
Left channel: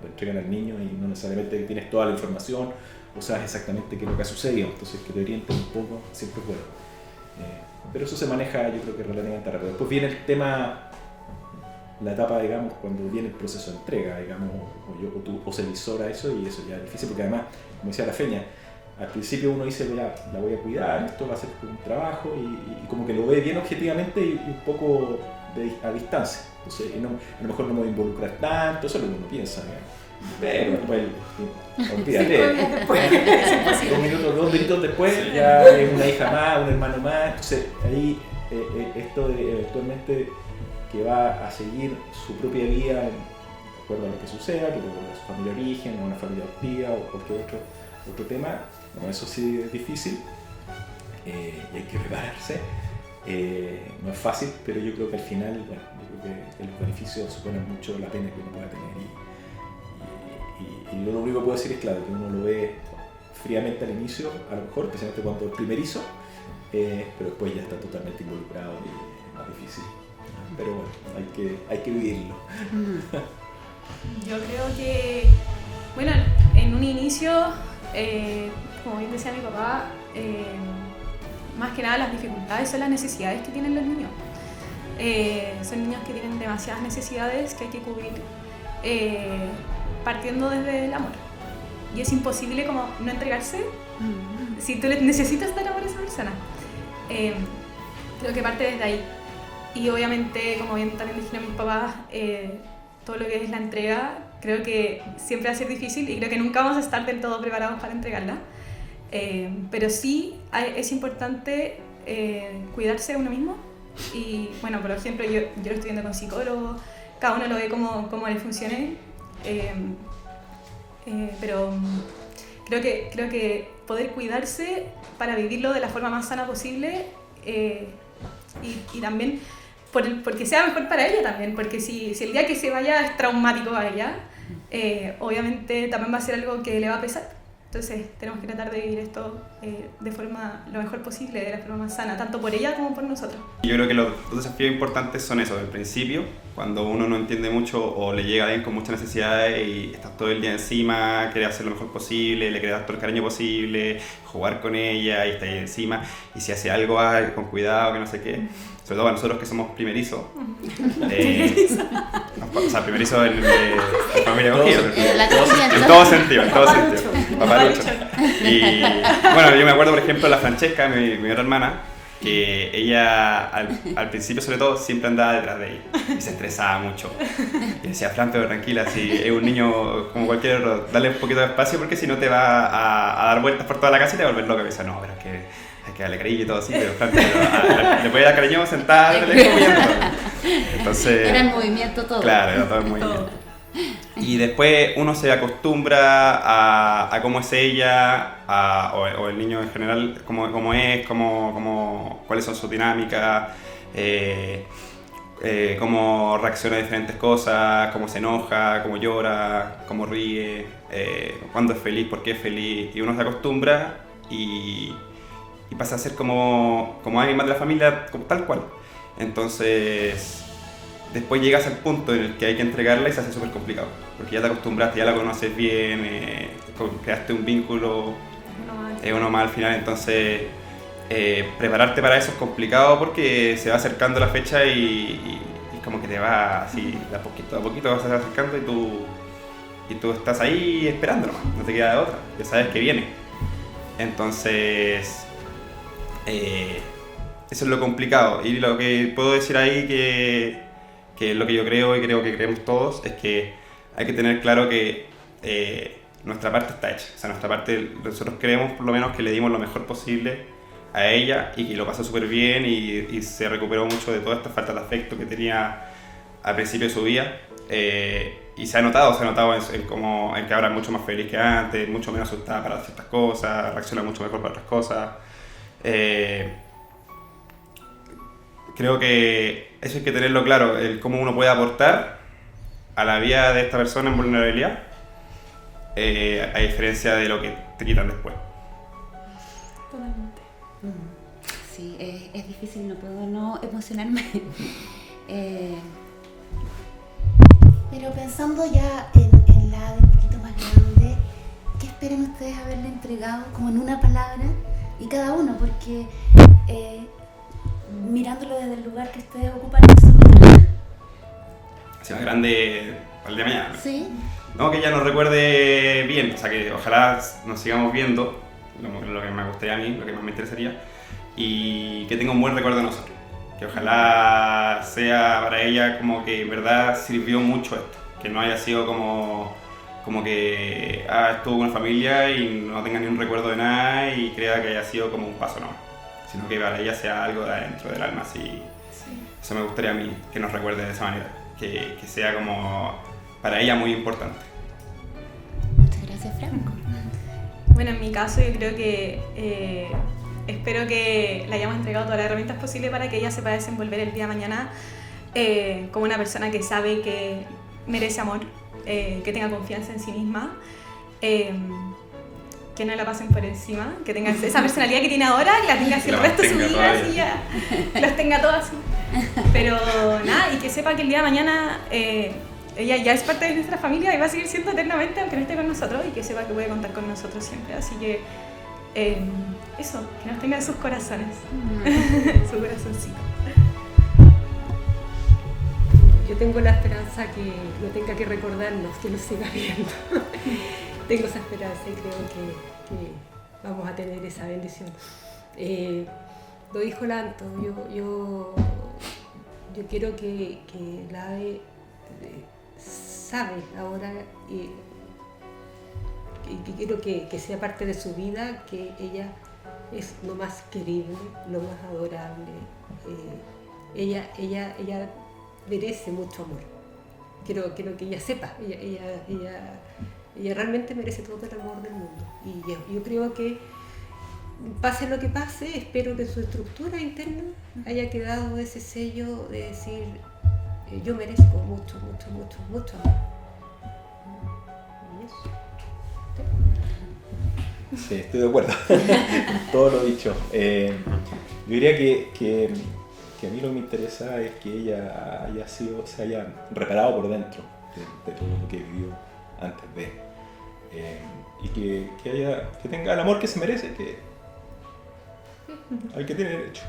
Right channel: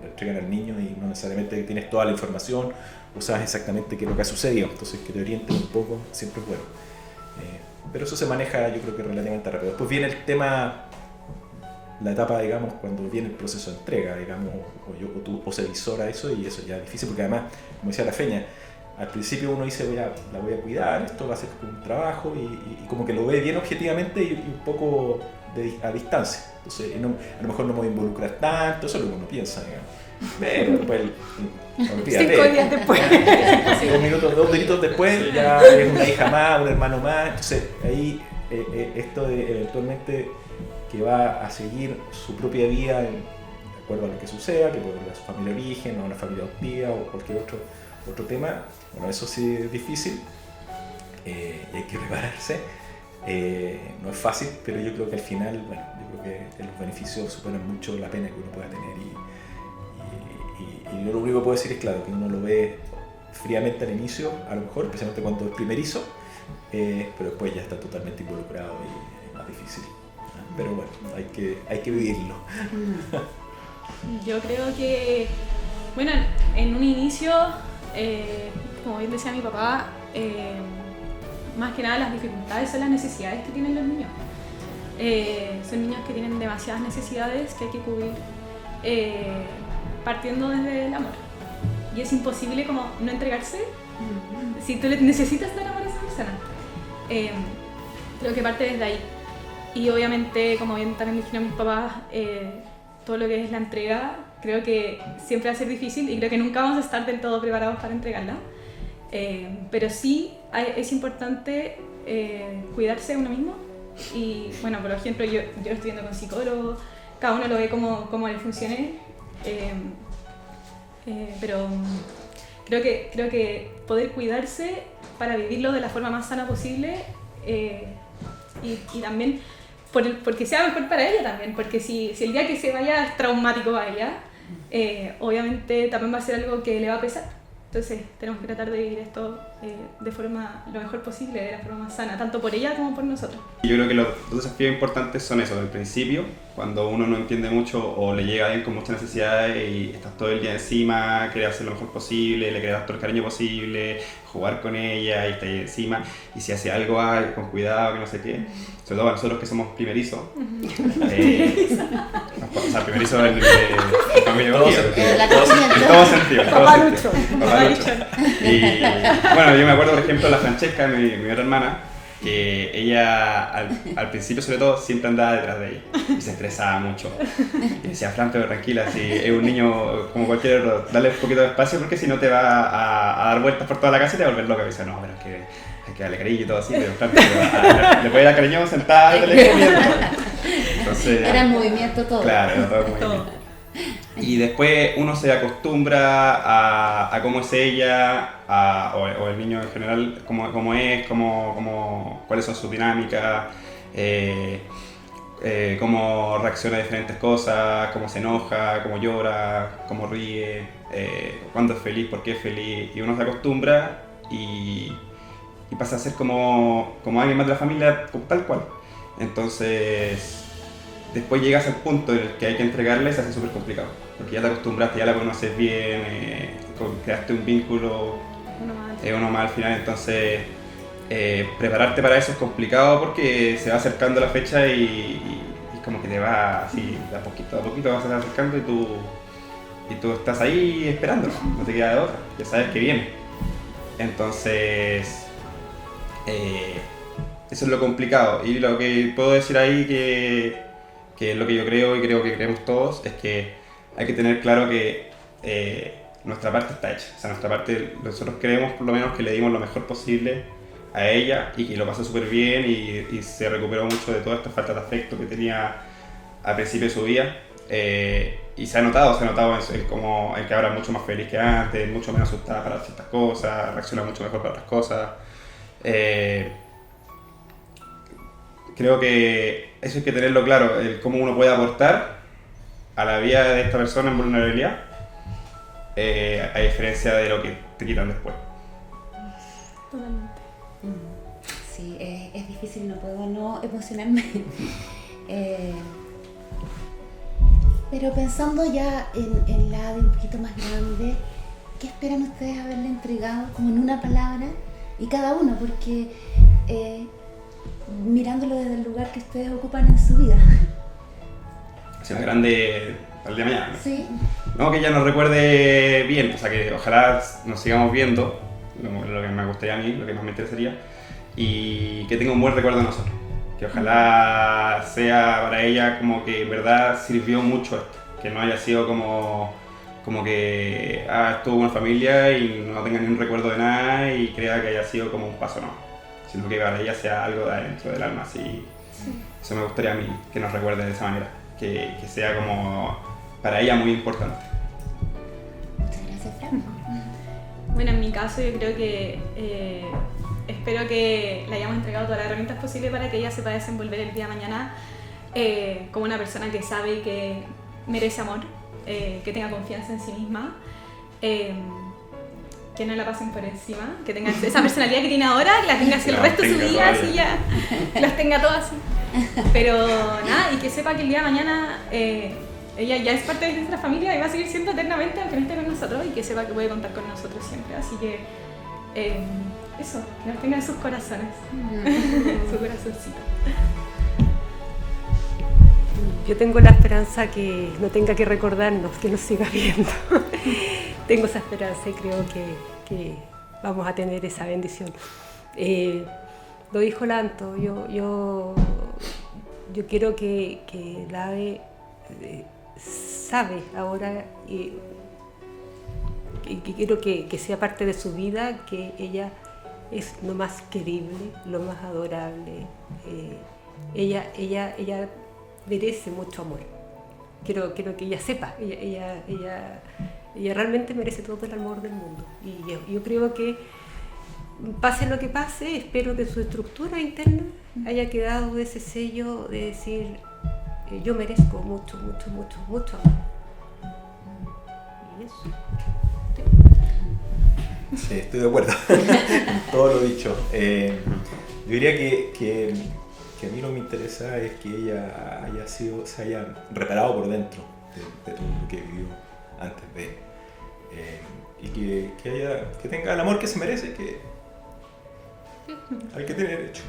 Lo entregan al niño y no necesariamente tienes toda la información o sabes exactamente qué es lo que ha sucedido, entonces que te orienten un poco siempre es bueno. Pero eso se maneja, yo creo que relativamente rápido. Después viene el tema, la etapa, digamos, cuando viene el proceso de entrega, digamos, o se visora eso, y eso ya es difícil, porque además, como decía la Feña, al principio uno dice, mira, la voy a cuidar, esto va a ser un trabajo, y como que lo ve bien objetivamente y un poco a distancia. Entonces, a lo mejor no me voy a involucrar tanto, eso es lo que uno piensa, digamos. Pero después, olvídate. 5 días después. 2 minutos después, ya es una hija más, un hermano más. Entonces, ahí esto de eventualmente que va a seguir su propia vida de acuerdo a lo que suceda, que puede volver a su familia de origen, a una familia adoptiva o cualquier otro tema. Bueno, eso sí es difícil y hay que prepararse. No es fácil, pero yo creo que al final, bueno, yo creo que los beneficios superan mucho la pena que uno pueda tener. Y yo lo único que puedo decir es, claro, que uno lo ve fríamente al inicio, a lo mejor, especialmente cuando es primerizo, pero después ya está totalmente involucrado y es más difícil. Pero bueno, hay que vivirlo. Yo creo que, bueno, en un inicio, como bien decía mi papá, más que nada las dificultades son las necesidades que tienen los niños. Son niños que tienen demasiadas necesidades que hay que cubrir partiendo desde el amor. Y es imposible como no entregarse si tú necesitas dar amor a esa persona. Creo que parte desde ahí. Y obviamente, como bien también dijeron mis papás, todo lo que es la entrega, creo que siempre va a ser difícil y creo que nunca vamos a estar del todo preparados para entregarla. Pero sí es importante cuidarse de uno mismo. Y bueno, por ejemplo, yo lo estoy viendo con psicólogos, cada uno lo ve como le funcione. Pero creo que poder cuidarse para vivirlo de la forma más sana posible y también porque sea mejor para ella también, porque si el día que se vaya es traumático para ella, obviamente también va a ser algo que le va a pesar. Entonces tenemos que tratar de vivir esto de forma lo mejor posible, de la forma más sana, tanto por ella como por nosotros. Yo creo que los dos desafíos importantes son eso, del principio, cuando uno no entiende mucho o le llega alguien con muchas necesidades y estás todo el día encima, quieres hacer lo mejor posible, le quieres dar todo el cariño posible, jugar con ella y está ahí encima, y si hace algo, con cuidado, que no sé qué. Sobre todo para nosotros que somos primerizos. O sea, primerizos en familia acogida. En todo sentido. Papalucho. Y bueno, yo me acuerdo, por ejemplo, de la Francesca, mi otra hermana, que ella al principio sobre todo siempre andaba detrás de ella y se estresaba mucho. Y decía, Fran, pero tranquila, si es un niño como cualquier otro, dale un poquito de espacio porque si no te va a dar vueltas por toda la casa y te va a volver loca. Y decía, no, pero es que hay que darle cariño y todo así, pero Fran, le puede dar cariño sentada, darle comiendo. Entonces, era el movimiento todo. Claro, era todo el movimiento. Y después uno se acostumbra a cómo es ella, o el niño en general, cómo es, cuáles son sus dinámicas, cómo reacciona a diferentes cosas, cómo se enoja, cómo llora, cómo ríe, cuándo es feliz, por qué es feliz. Y uno se acostumbra y pasa a ser como alguien más de la familia, tal cual. Entonces, después llegas al punto en el que hay que entregarle, se hace súper complicado. Porque ya te acostumbraste, ya la conoces bien, creaste un vínculo, uno más al final. Entonces, prepararte para eso es complicado porque se va acercando la fecha y como que te va así, de a poquito vas acercando y tú estás ahí esperando, no te queda de otra, ya sabes que viene. Entonces, eso es lo complicado. Y lo que puedo decir ahí que es lo que yo creo y creo que creemos todos, es que hay que tener claro que nuestra parte está hecha. O sea, nuestra parte, nosotros creemos por lo menos que le dimos lo mejor posible a ella y que lo pasó súper bien y se recuperó mucho de toda esta falta de afecto que tenía al principio de su vida. Y se ha notado en que ahora es mucho más feliz que antes, mucho menos asustada para ciertas cosas, reacciona mucho mejor para otras cosas. Creo que eso hay que tenerlo claro, el cómo uno puede aportar a la vida de esta persona en vulnerabilidad, a diferencia de lo que te quitan después. sí, es difícil, no puedo no emocionarme. Pero pensando ya en la de un poquito más grande, ¿qué esperan ustedes haberle entregado como en una palabra? Y cada uno, porque mirándolo desde el lugar que ustedes ocupan en su vida. Sea grande para el día de mañana. Sí. No, que ella nos recuerde bien, o sea, que ojalá nos sigamos viendo, lo que me gustaría a mí, lo que más me interesaría, y que tenga un buen recuerdo de nosotros. Que ojalá sea para ella como que en verdad sirvió mucho esto, que no haya sido como que estuvo con familia y no tenga ni un recuerdo de nada y crea que haya sido como un paso nomás, sino que para ella sea algo de adentro del alma, así. Sí. Eso me gustaría a mí, que nos recuerde de esa manera, que sea como para ella muy importante. Muchas gracias, Franco. Bueno, en mi caso yo creo que espero que le hayamos entregado todas las herramientas posibles para que ella sepa desenvolver el día de mañana como una persona que sabe y que merece amor, que tenga confianza en sí misma, que no la pasen por encima, que tenga esa personalidad que tiene ahora, la tenga así el resto de su vida, así ya, las tenga todas. Pero nada, y que sepa que el día de mañana ella ya es parte de nuestra familia y va a seguir siendo eternamente aunque no esté con nosotros, y que sepa que puede contar con nosotros siempre. Así que eso, que nos tenga en sus corazones, su corazoncito. Yo tengo la esperanza que no tenga que recordarnos, que nos siga viendo. Tengo esa esperanza y creo que vamos a tener esa bendición. Lo dijo Lanto, yo quiero que la Ave sabe ahora que quiero que sea parte de su vida, que ella es lo más querible, lo más adorable. Ella merece mucho amor. Quiero que ella sepa, ella realmente merece todo el amor del mundo. Y yo creo que pase lo que pase, espero que su estructura interna haya quedado ese sello de decir yo merezco mucho, mucho, mucho, mucho amor. Y eso. Sí, estoy de acuerdo. Todo lo dicho. Yo diría que a mí lo que me interesa es que ella se haya reparado por dentro de todo lo que vivió antes de. Y que tenga el amor que se merece, que hay que tener derecho.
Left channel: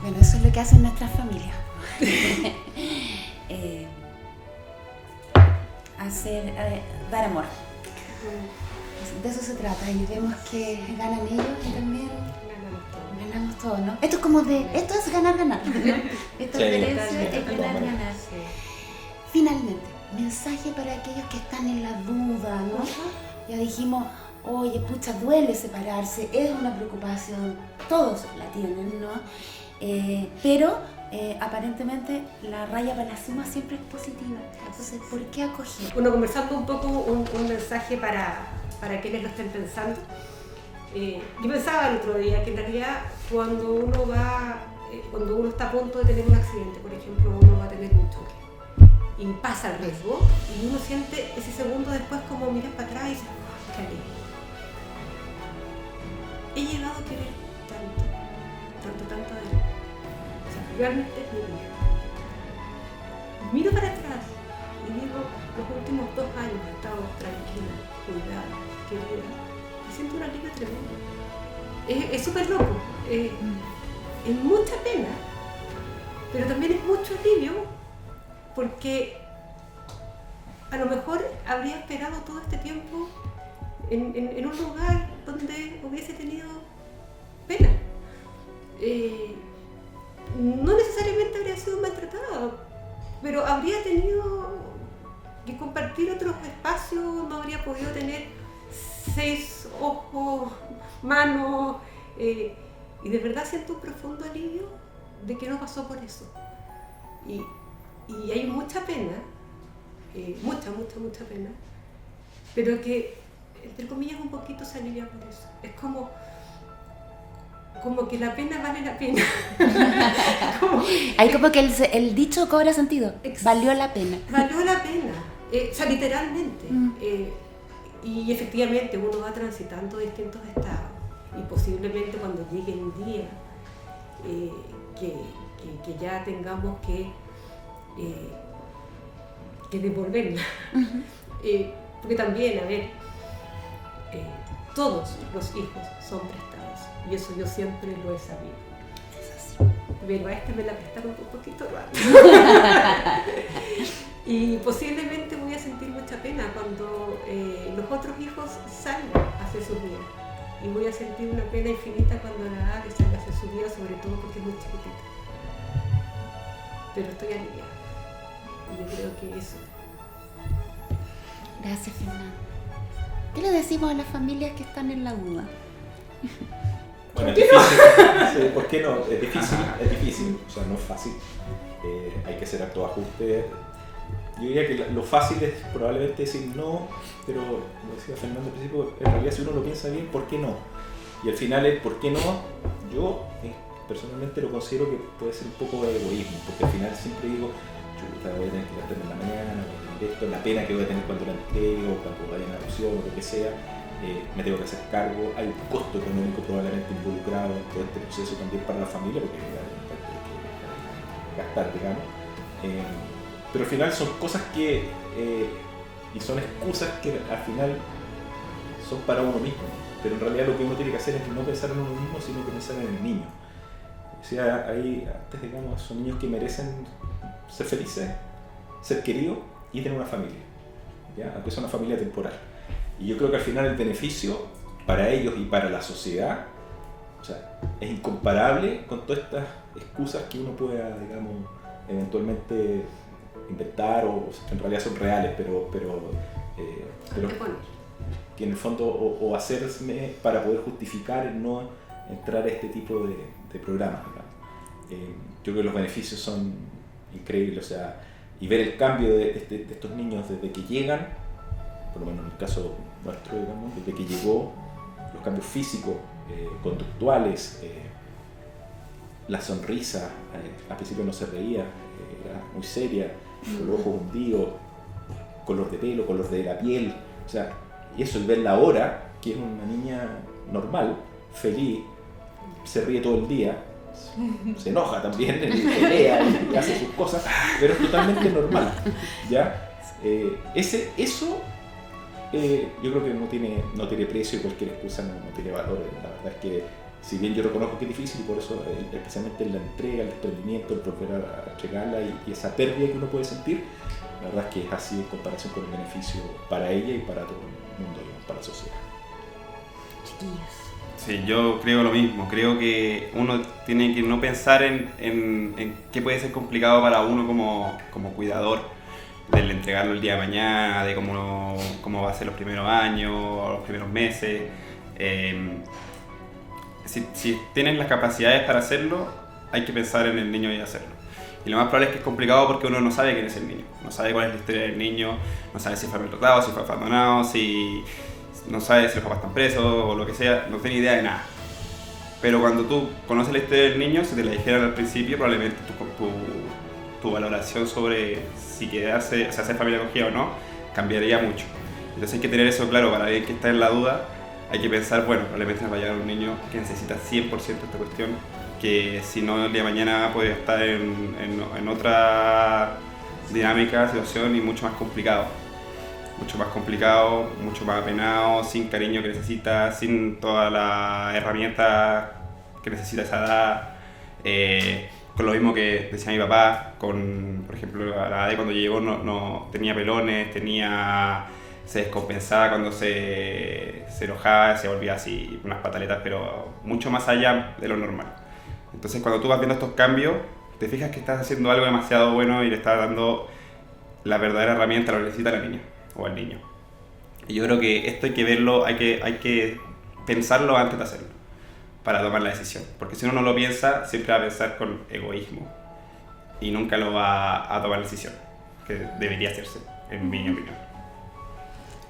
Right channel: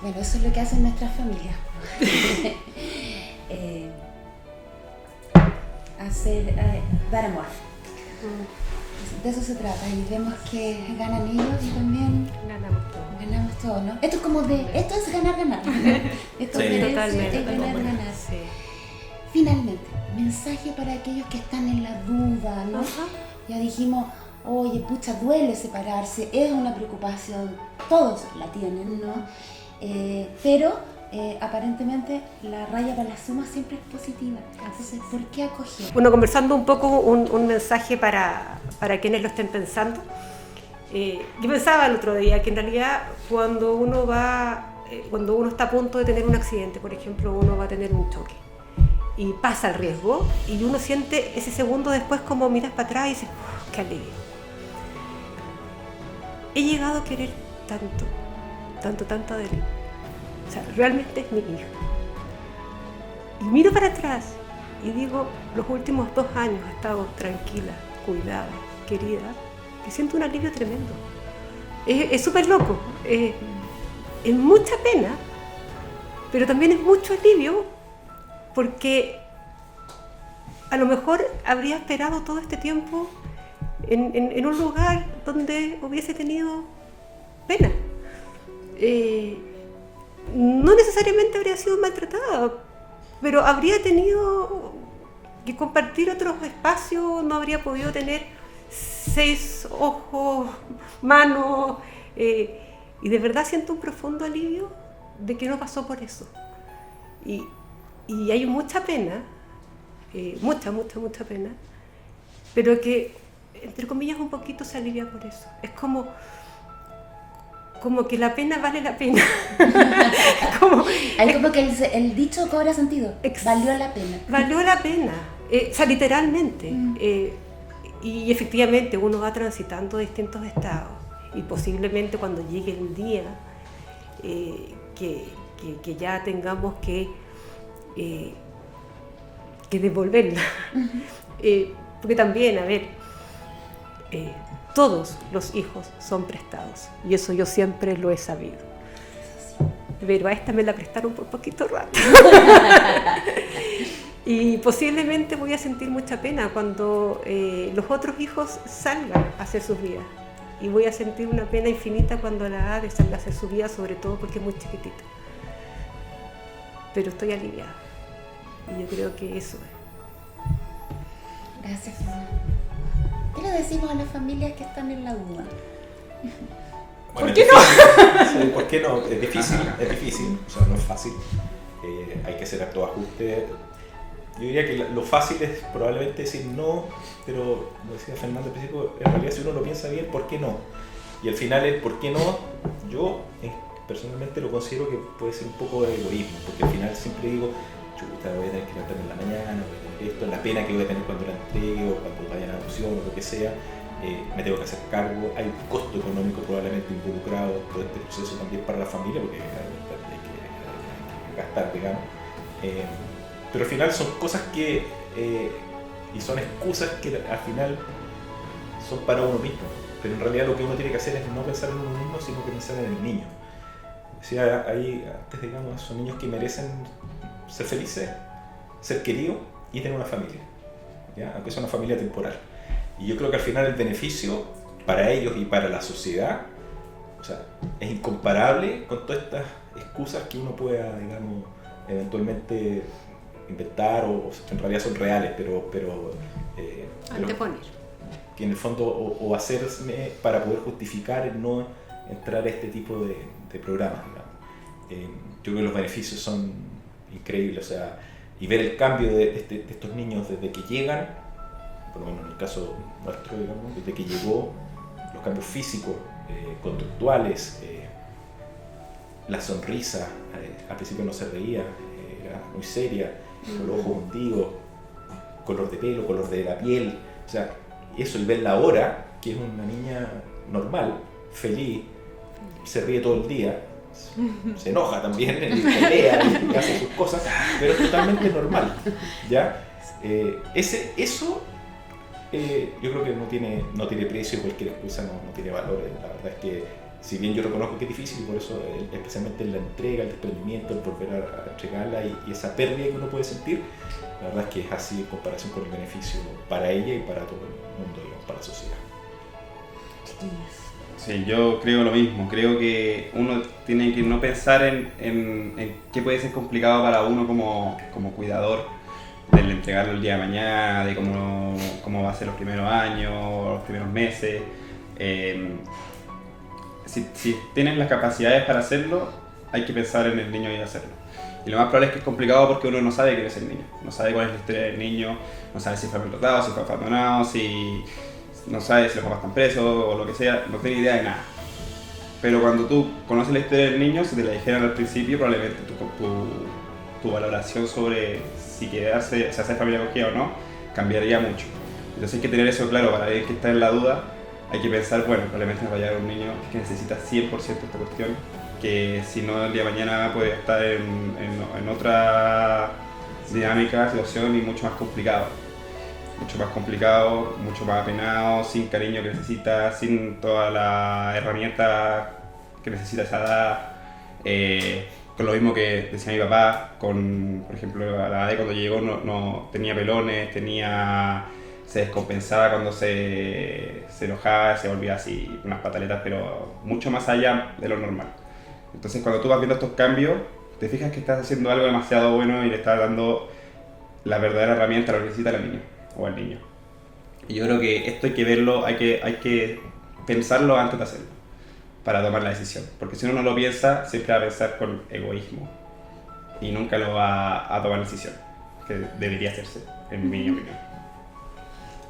Bueno, eso es lo que hacen nuestras familias. Dar amor. De eso se trata, y vemos que ganan ellos y también ganamos todo, ¿no? Esto es como esto es ganar. Esto es ganar. Sí. Finalmente, mensaje para aquellos que están en la duda, ¿no? Ya dijimos, oye, pucha, duele separarse, es una preocupación, todos la tienen, ¿no? Pero aparentemente la raya para la suma siempre es positiva. Entonces, ¿por qué acoger? Bueno, conversando un poco, un mensaje para quienes lo estén pensando. Yo pensaba el otro día que en realidad cuando uno está a punto de tener un accidente, por ejemplo, uno va a tener un choque y pasa el riesgo y uno siente ese segundo después como miras para atrás y dices, oh, qué alegre. He llegado a querer tanto de él. O sea, realmente es mi hijo. Y miro para atrás y digo, los últimos 2 años he estado tranquila, cuidada, querida, y siento un alivio tremendo. Es súper loco, es mucha pena, pero también es mucho alivio, porque a lo mejor habría esperado todo este tiempo en un lugar donde hubiese tenido pena. No necesariamente habría sido maltratada, pero habría tenido que compartir otros espacios, no habría podido tener 6 ojos, manos, y de verdad siento un profundo alivio de que no pasó por eso. Y hay mucha pena, mucha pena, pero que, entre comillas, un poquito se alivia por eso. Es como que la pena vale la pena. Hay como que el dicho cobra sentido. Valió la pena. Valió la pena. O sea, literalmente. Y efectivamente uno va transitando distintos estados y posiblemente cuando llegue el día que ya tengamos que devolverla. Porque también, a ver, todos los hijos son prestados y eso yo siempre lo he sabido. Pero a esta me la prestaron por poquito rato. Y posiblemente voy a sentir mucha pena cuando los otros hijos salgan a hacer sus vidas. Y voy a sentir una pena infinita cuando la Ade salga a hacer su vida, sobre todo porque es muy chiquitita. Pero estoy aliviada. Y yo creo que eso es. Gracias, Fernanda. ¿Qué le decimos a las familias que están en la duda? Bueno, ¿por qué no? Sí, ¿por qué no? Es difícil, o sea, no es fácil. Hay que hacer hartos ajustes. Yo diría que lo fácil es probablemente decir no, pero como decía Fernando al principio, en realidad si uno lo piensa bien, ¿por qué no? Y al final el ¿por qué no? Yo personalmente lo considero que puede ser un poco de egoísmo, porque al final siempre digo, chuta, voy a tener que levantarme en la mañana, esto es la pena que voy a tener cuando la entregue o cuando vaya a la adopción o lo que sea, me tengo que hacer cargo, hay un costo económico probablemente involucrado en todo este proceso también para la familia, porque hay que gastar, digamos. Pero al final son cosas que, y son excusas que al final son para uno mismo, pero en realidad lo que uno tiene que hacer es no pensar en uno mismo, sino que pensar en el niño. Decía ahí antes, digamos, son niños que merecen ser felices, ser queridos y tener una familia, ¿ya? Aunque es una familia temporal. Y yo creo que al final el beneficio para ellos y para la sociedad, o sea, es incomparable con todas estas excusas que uno pueda, digamos, eventualmente inventar o que en realidad son reales, pero que en el fondo o hacerme para poder justificar el no entrar a este tipo de programas, ¿no? Yo creo que los beneficios son increíbles, o sea, y ver el cambio de estos niños desde que llegan, por lo menos en el caso nuestro, digamos, desde que llegó, los cambios físicos, conductuales, la sonrisa, al principio no se reía, era muy seria, con los ojos hundidos, color de pelo, color de la piel, o sea, eso, y verla ahora, que es una niña normal, feliz, se ríe todo el día, se enoja también, pelea y hace sus cosas, pero es totalmente normal, ¿ya? Eso yo creo que no tiene precio, cualquier excusa no tiene valor. La verdad es que si bien yo reconozco que es difícil, y por eso especialmente en la entrega, el desprendimiento, el volver a entregarla y esa pérdida que uno puede sentir, la verdad es que es así en comparación con el beneficio para ella y para todo el mundo, digamos, para la sociedad. Sí, yo creo lo mismo, creo que uno tiene que no pensar en qué puede ser complicado para uno como cuidador, del entregarlo el día de mañana, de cómo va a ser los primeros años, los primeros meses. Si tienes las capacidades para hacerlo, hay que pensar en el niño y hacerlo. Y lo más probable es que es complicado porque uno no sabe quién es el niño, no sabe cuál es la historia del niño, no sabe si fue maltratado, si fue abandonado, si no sabe si los papás están presos o lo que sea, no tiene idea de nada. Pero cuando tú conoces la historia del niño, si te la dijeran al principio, probablemente tu valoración sobre si quieres hacer familia acogida o no, cambiaría mucho. Entonces hay que tener eso claro para alguien que está en la duda. Hay que pensar, bueno, probablemente nos va a llegar un niño que necesita 100% esta cuestión, que si no el día de mañana puede estar en otra dinámica, situación y mucho más complicado, mucho más apenado, sin cariño que necesita, sin todas las herramientas que necesita esa edad. Con lo mismo que decía mi papá, por ejemplo, la edad de cuando llegó no tenía pelones, se descompensaba cuando se enojaba, se volvía así unas pataletas, pero mucho más allá de lo normal. Entonces cuando tú vas viendo estos cambios, te fijas que estás haciendo algo demasiado bueno y le estás dando la verdadera herramienta, lo que necesita la niña o al niño. Y yo creo que esto hay que verlo, hay que pensarlo antes de hacerlo, para tomar la decisión. Porque si uno no lo piensa, siempre va a pensar con egoísmo y nunca lo va a tomar la decisión, que debería hacerse, en mi opinión.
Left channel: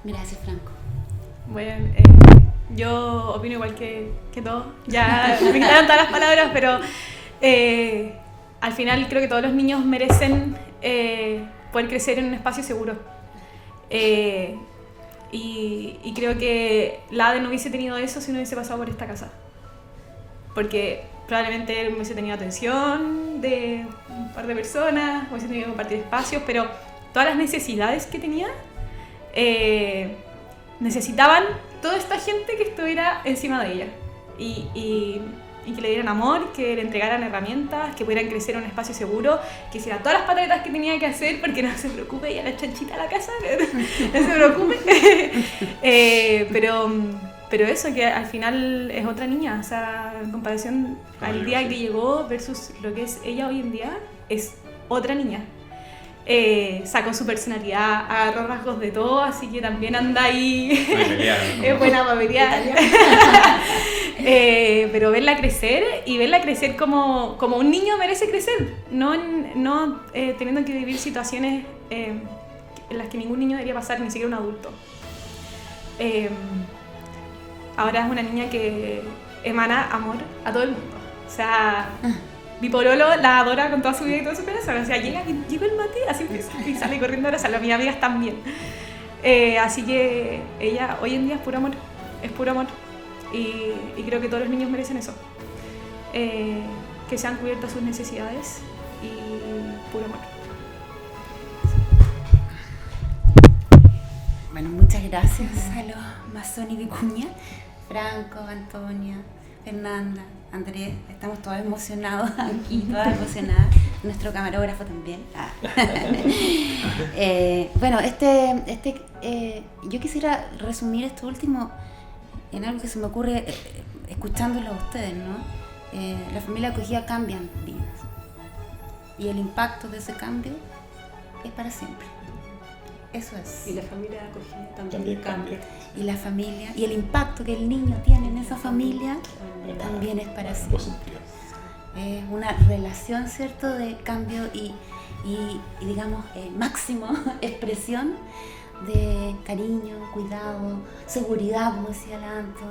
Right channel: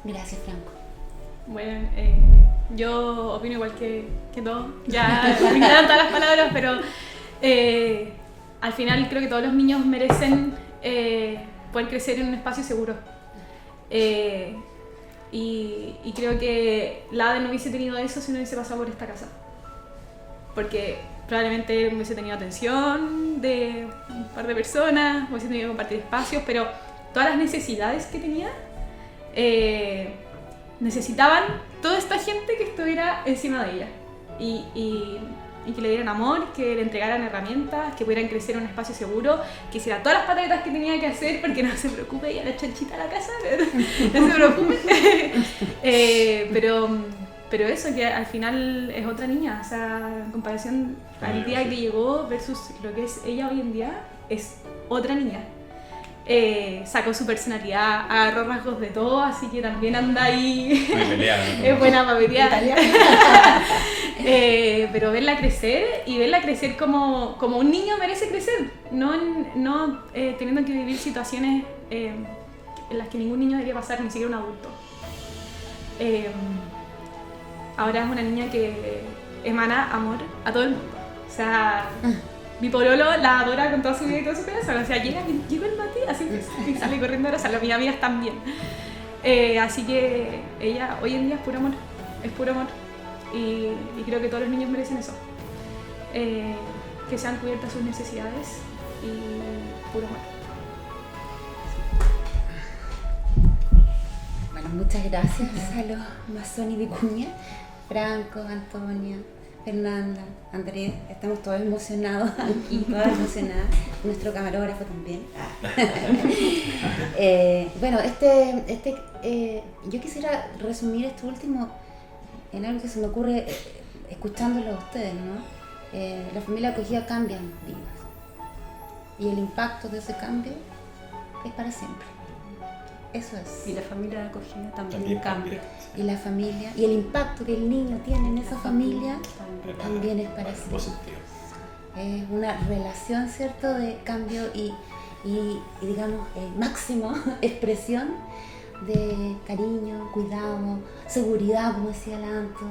Gracias, Franco. Bueno, yo opino igual que todos. Ya me quitaron todas las palabras, pero al final creo que todos los niños merecen poder crecer en un espacio seguro. Y creo que la Ade no hubiese tenido eso si no hubiese pasado por esta casa. Porque probablemente él hubiese tenido atención de un par de personas, hubiese tenido que compartir espacios, pero todas las necesidades que tenía necesitaban toda esta gente que estuviera encima de ella. Y que le dieran amor, que le entregaran herramientas, que pudieran crecer en un espacio seguro, que hiciera todas las pataletas que tenía que hacer, porque no se preocupe, ya la chanchita a la casa, no se preocupe. Pero eso, que al final es otra niña, o sea, en comparación al día que llegó versus lo que es ella hoy en día, es otra niña. Sacó su personalidad, agarró rasgos de todo, así que también anda ahí. Es buena para pelear. Pero verla crecer y verla crecer como un niño merece crecer, no teniendo que vivir situaciones en las que ningún niño debería pasar, ni siquiera un adulto. Ahora es una niña que emana amor a todo el mundo. O sea, mi pololo la adora con toda su vida y todo su corazón. O sea, llega el Mati, así que sale corriendo, o sea, mis amigas también. Así que ella hoy en día es puro amor. Y creo que todos los niños merecen eso. Que sean cubiertas sus necesidades y puro amor. Bueno, muchas gracias a los Mazzoni Vicuña, Franco, Antonia, Fernanda, Andrés, estamos todos emocionados aquí, todas emocionadas, nuestro camarógrafo también. Bueno, yo quisiera resumir esto último en algo que se me ocurre escuchándolo a ustedes, ¿no? La familia acogida cambian vidas y el impacto de ese cambio es para siempre. Eso es. Y la familia acogida también cambia. Y la familia, y el impacto que el niño tiene en esa familia también es para siempre. Es una relación, ¿cierto?, de cambio y digamos, máximo expresión de cariño, cuidado, seguridad, como decía Lanto.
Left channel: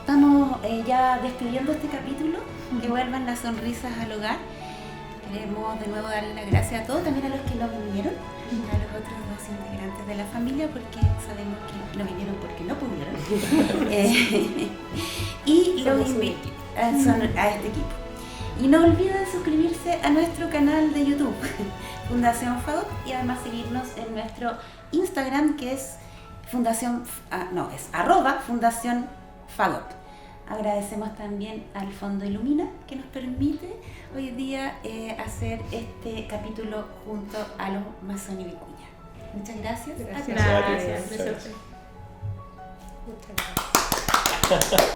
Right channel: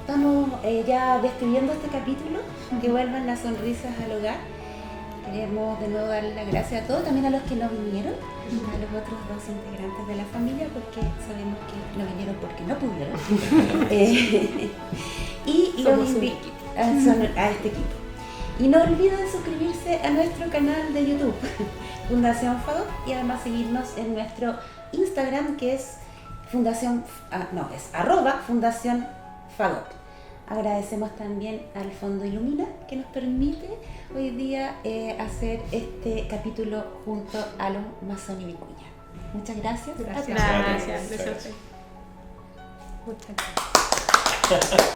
Estamos ya despidiendo este capítulo, que vuelvan las sonrisas al hogar. Queremos de nuevo darle las gracias a todos, también a los que no vinieron, a los otros dos integrantes de la familia, porque sabemos que no vinieron porque no pudieron. Y los invito a este equipo. Y no olviden suscribirse a nuestro canal de YouTube, Fundación FADOP, y además seguirnos en nuestro Instagram, que es @Fundación FADOP. Agradecemos también al Fondo Ilumina, que nos permite hoy día hacer este capítulo junto a los Mazzoni Vicuña. Muchas gracias. Gracias. Gracias. Muchas gracias.